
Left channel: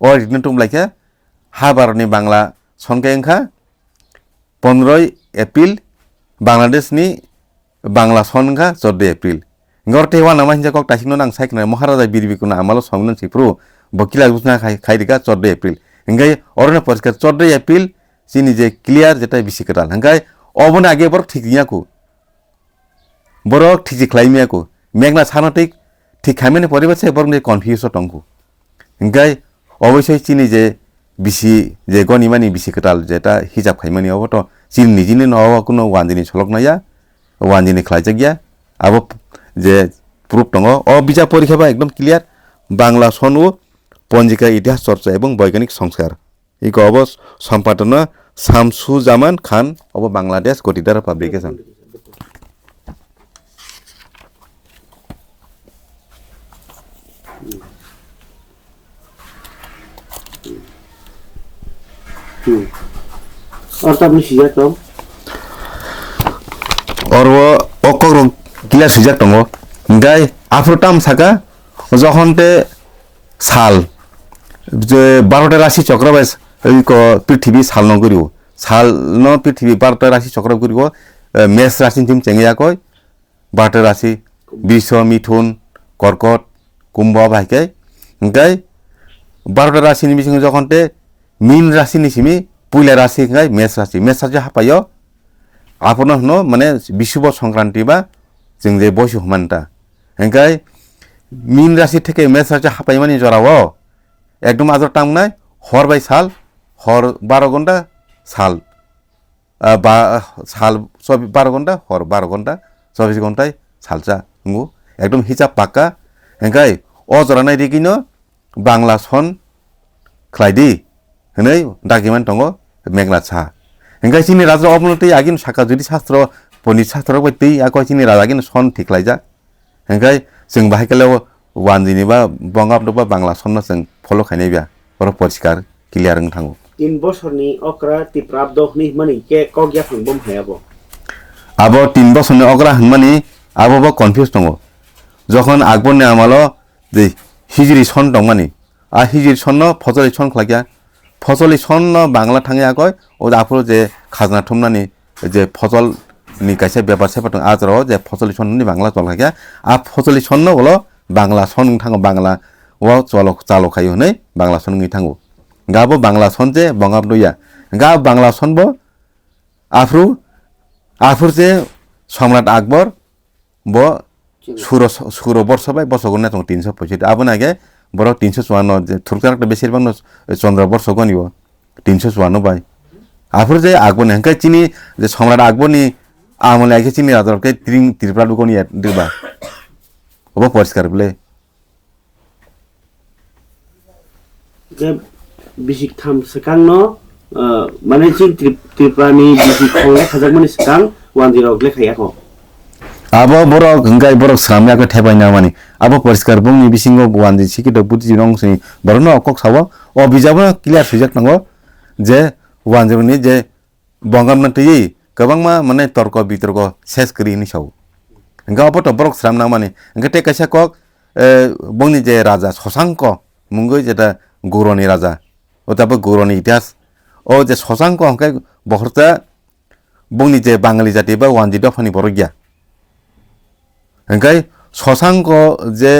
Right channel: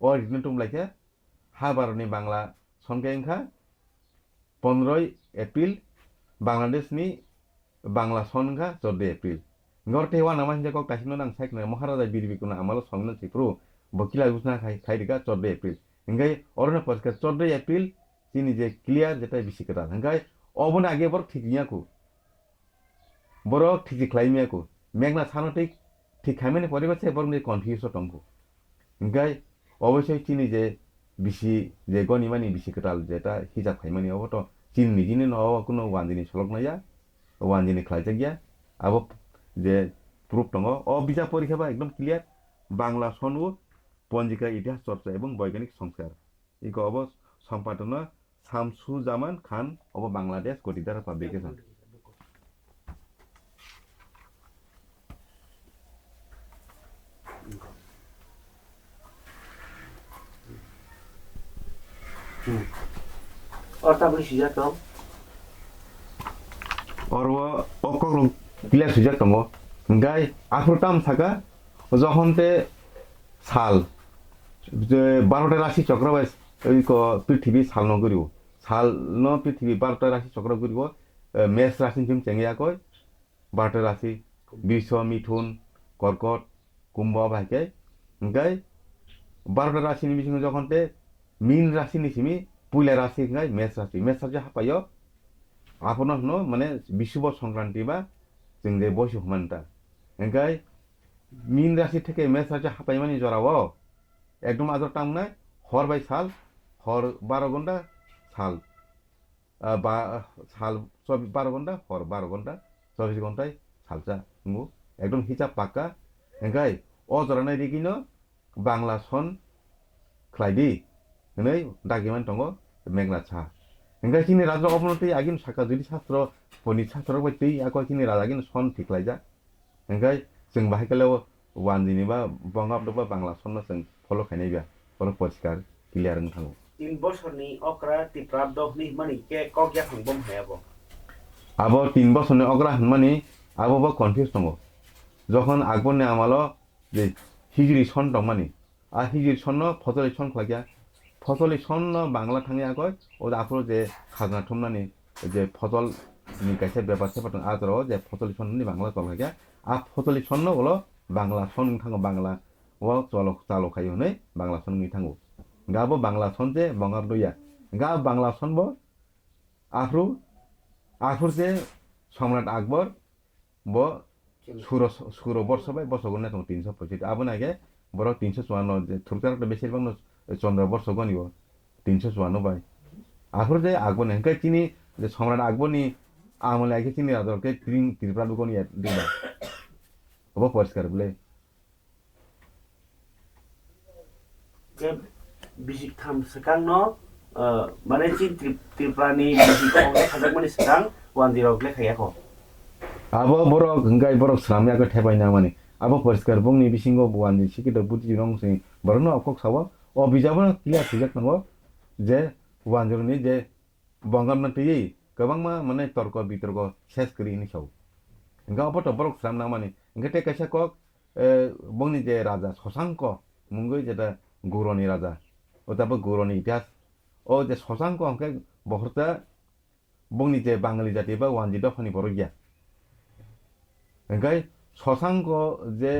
ओ रिटन तुम लाइका हा भारतनि बांग्ला सनके अंखा 15 एप्रिल बांग्लादेशनि बांग्ला सनखा 14 April ngorte wana manja kok tasino nang saikna Maharaja बिरबिकुना आमालो संगलन सिप्रो बकिला गुसना खाइदिका 14 एप्रिल इंगाय अरने परिस्कार 14 एप्रिल चिनि जे क्लियर जेटा बिसिकराल हंगाय अबनो आगे बर ठीक नियाको बरक ठीक खलाइमियाको मेघना सानटिक ठीक खामेने परिबेसे बरने कन्फ्युज टंगको हंगाय अवश्य चिनि जे बिसि जे गनिमानि बिसिकराल जेटा हिजाब खाइमानि अबतो चिनि निजिनि नवा कुनो वानजिनि सलकनाया वानजिनि खलाइजागिया आबो जे प्रूफ दङ अ बिजाब परीक्षाबा एकदम क्लियर बांग्ला सनु पन्जिका इतिहास चर्चा एवं वैज्ञानिक संस्कार इको अब सम्पादन शामसुजामान खान अब बांग्लादेश गतिदार पाब्लिकेशन और तब सिजा तो और वो अकरो क्लियर सिजा दङ गाय आफ्रोटाम साका जखनते साल जे 12टा राशि चक्र बाय को पृथ्वी साल न गरियो साल न पृथ्वी 12टा राशि चक्र गरियो मेष राशि तिम चेंगिया कय 12टा राशि वृष मिथुन कर्कट कुंभ भाइके गाय 12टा राशि नि बिसिङ जखनते मीन राशि नि सिमी पुइला राशि गाय मेष राशि हापायो आपन न माने विश्व संक्रांति बा जों जे बयस हमानता हंगाय मीन राशि থেকে मेष राशि हापायमानि जराव एकदम आजर टांगनाय हर बाय साल हर 12 घंटा साल साल 12 घंटा हर 12 घंटा 24 घंटाय सालजा नंगौ एकदम हिसाब पाक्का हंगाय अ जरानाय दिगिनो बांग्ला सन खलायदि हनै दागिमान दङ मेघनाथ साहा हंगाय चिनि राजा अबनति आगिन साका जुदि शास्त्र पण्डित शास्त्र बायदि आकचिनि राजागिन सन थिखलायजा हंगाय जों बाहायकलाव वानजिनि बा बंगाब्द बा बांग्ला सन्न जों फलो खायनाय बिया बर परिष्कार क्लियर न थाङो 3 বছরনি অকরা তিপ্রাব্দ হনি মানি কে কগিয়া फंबम हायाबो आबो 3 বছরनि अग्रा हनमानि आबो कन्फ्युज दङ जखन আকবরनि आमालो जे हिजरी सन दंमानि आ हिजरी सन फजली सन खलागिया फजली सन बांग्ला थाङै आगय ओ आफरो जे खाजना थुमनानि जे फजल नि काइसे बेबार सेपटं आजराव जे फजली सननि बांग्ला चलखाया आ फजली सन बोलो बांग्ला सन थाङो बांग्ला व चलो चालो खायो नै बांग्ला सन नि थाङो गाबो बांग्ला सन जे बंगाब्दया गा बांग्ला सन बो आफ्रु आफोर जे सम्राट আকবর ब सुर वर्ष बाय वर्षको ना 365 आबो नागे बर 354 जे थुरकाराक बेसिरबां चंद्र वर्ष गनिबो 354 बाय आफोर जे আকবর नेंका चिनि जे सम्राट আকবরनि आमले आखे चिनि राजारके त्रिपुरा गनि दिबा अब परिष्कार बले जे बिसिक थाम सेकां न माने चिन त्रिपुरानि बिसिक खंले खाजाकमनि सेकां 10 लेखायाखौ abo borok hingkai borok samya ko thebaina mani abo poriskar bungni bisingo wanji sikito buti rong sini borono okok sawo o bijabo clear sujak nango je wanjoni je bongam tei gobangma mane torko bitorko ses kri ni saw hingga obo to borok samna mani hingga te kaisa kok bungni je raja Shashanko mungoi jeta Goroni raja otabo Goroni itihas o je Shashanko hingkai bohorta bungni je Bangali jati ba wanji dofani borogya hingkai Shashanko je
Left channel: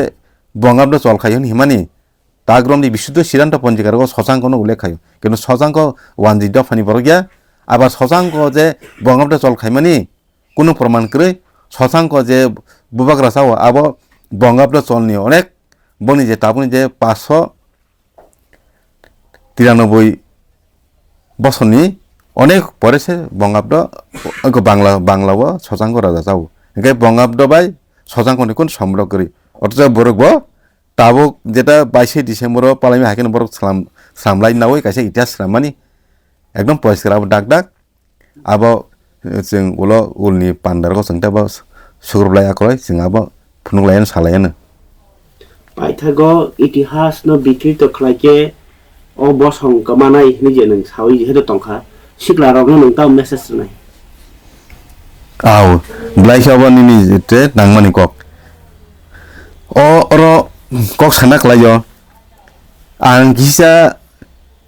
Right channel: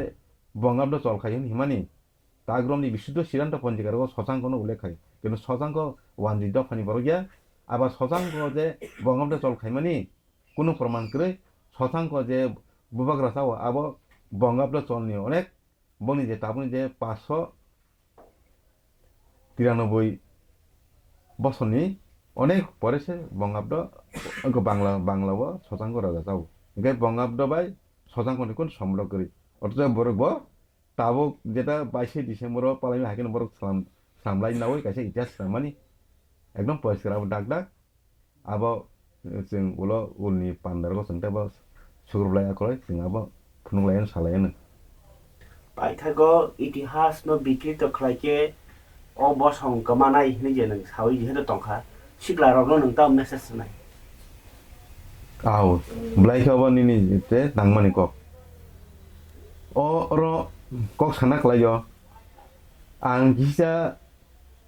bongabdo cholkhayon himani tagromni bisuddho siddhanto ponjikaro Shashanko no ullekh khayo kintu Shashanko wanji dofani borogya abar Shashanko je bongabdo cholkhaimani kono proman kroi Shashanko je bubak rasao abo bongabdo cholni onek boni je tabuni je 593 বছরনি অনেক পরে সে বঙ্গাব্দ বাংলাও Shashanko রাজা যাও হingkai বঙ্গাব্দ by Shashanko কোন সম্গ্রহ করি অথচ বরক তাবক যেটা 22 ডিসেম্বর পালামি হাকেন বরক সামলাই নাওই কাছে ইতিহাস রামানি একদম পরিষ্কার আব ডাক ডাক আব जों उलो उलनि पान्डारखौ जोंता बा सुग्रबलाय आखलाय जों आब फुनुलायन सालायानो पाइथागो इतिहास न बिक्रि तो खलायके ओ बसं कमानाय निजे नों सावि जेहेतु तंखा सिक्ला रगनो नोंता मेसेज नाय आव ब्लाइसाबनि नि जेते नांमानि कक अरो कक साना खलायो आं गिसा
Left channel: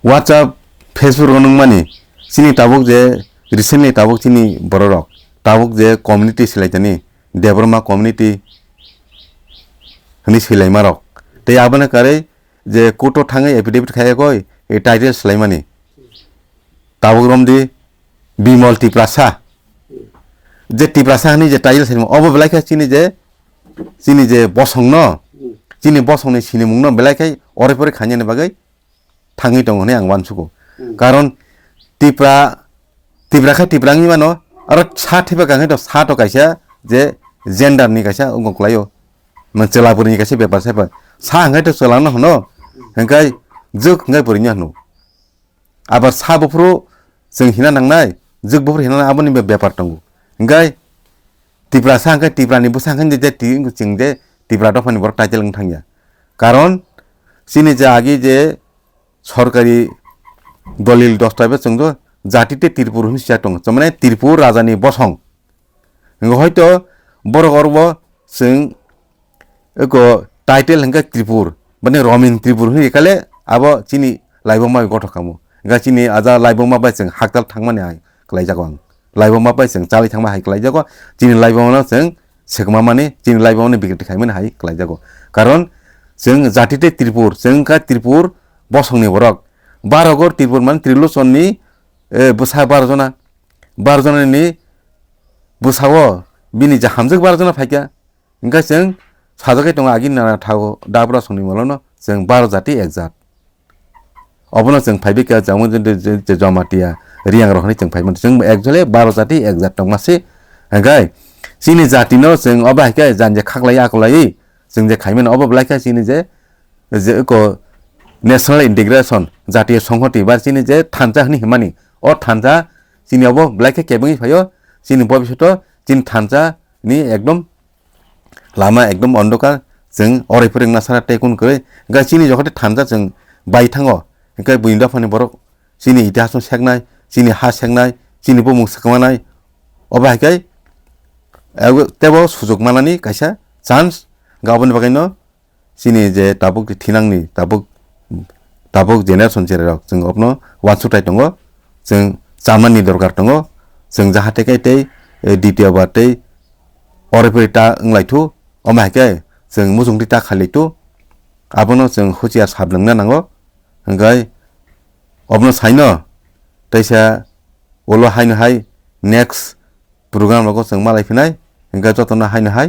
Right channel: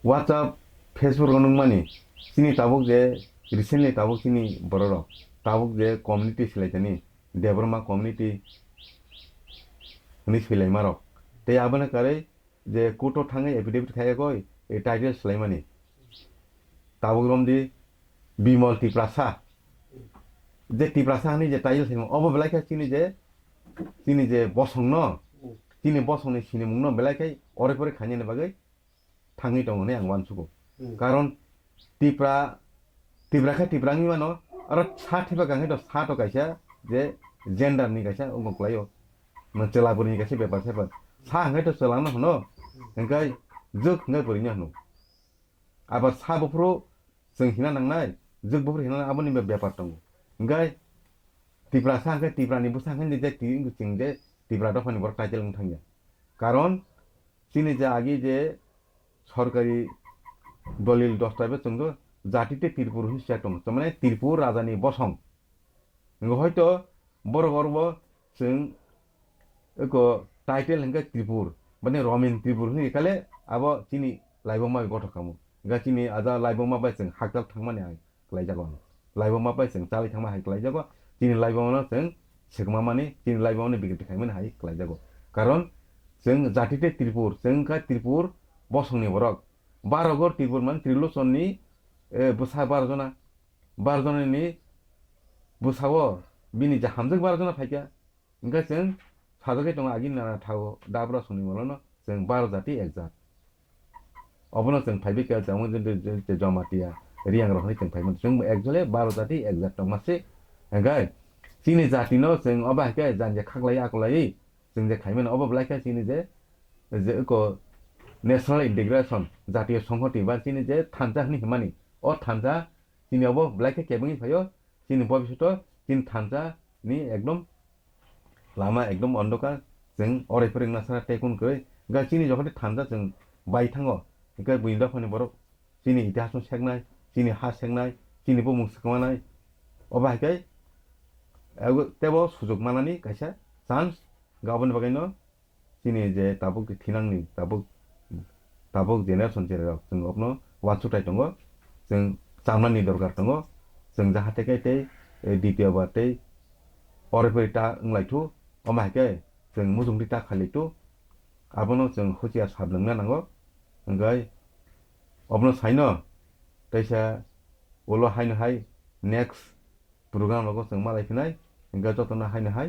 WhatsApp Facebook नों मानि सिनि ताबक जे recently tabuk chini borok tabuk je community silaitani debroma community hini silai marok te abana kare je koto thangai affidavit khaya koi e title silaimani tabuk romdi bimol tiprasa je tiprasa hani je title silai obo belaika chini je bosong no chini bosong ni sini mungno belaikai ore pore khanyane bagai thangi tong hone ang wansuko karon tibraka tibrangi mano aro sa thiba kangai to sa to kaisa je gender ni kaisa ungkoklayo mancelapurni kaisa bepar sapa sa hangai to chalano hono hingkai juk hangai purinya hnu abar sa bofru जों hina nangnai juk bofru hina aboni bepar tongo hingkai tibrasa hangai tibrani busa hangai je jingde tibra to phani bor title ng thangya karon sini je agi je সরকারি দলিল দস্তাবেজ जोंdo জাতিতে ত্রিপুর হিসা দं মানে ত্রিপুর রাজানি বসং হয়তো বড় গর্ব जों एको टाइटेल हंगा त्रिपुर माने रमिन त्रिपुर हिकाले आबो चिनि लाइबमा गथखामो गा चिनि आजा लाइबमा बाय जों हाकताल थांमाने हाय क्लाइ जागो आं लाइबमा बाय जों चालि थांमा हाय क्लाइ जागो चिनि लाइबमा जों सेगमा माने चिनि लाइबमा बिगति खायमोन हाय क्लाइ जागो कारण जों जातिते त्रिपुर जों का त्रिपुर बसंनि बरक बारगोर त्रिपुर मान त्रिलोचननि बुसा 12 जनानि बुसावो बिनि जा हामजोग 12 जना फायका इंगा जों साजोकै दं आगि ना थागो दाब्रा संनि मलनो जों 12 जाति एक जात अबनो जों फायबिका जामो जे जमातिया रियां रहनि जों फायमोन जों एक्चुअली 12 जाति एक जात दं मासे हंगाय सिनि जातिनो जों अबा हायका जानजे खाखलाय आखलाय जों जे खायमोन अबा ब्लायका सिनि जे को नेशनल इंटीग्रेशन जातीय संहति बा सिनि जे थानजा हनि हिमानि अ थानजा सिनि अबो ब्लायका केबंगि फायो सिनि भबिष्यत सिनि थानजा नि एकदम लामा एकदम अन्धकार जों अरायफोर नासारा टेकुन करै गा सिनि जखते थानजा जों बाय थाङो इंका बुइन्दा फानि बरक सिनि इतिहास सेकनाय सिनि हा सेकनाय सिनि बमुं सकमानाय अबा हायकाय तेबो सुजुग मानानि कायसा चान्स गाबोन बागैनो सिनि जे ताबुक थिनांनि ताबुक जेनेरेशन जेराव जों अपनो वानसुटाय दङ जों जामानि दरकार दङ जों जाहाथे कायतै द्वितीय बारतै अरायफोरता ओंलायथु अमाहायकाय जों मुजुंदिता खालिथु आबनो जों हुजिया साबलोंनो नांगौ हंगाय अबनो साइनो तैसा ओलो हायनो हाय नेक्स्ट program rok जों malai phinai hingke jotono haino hai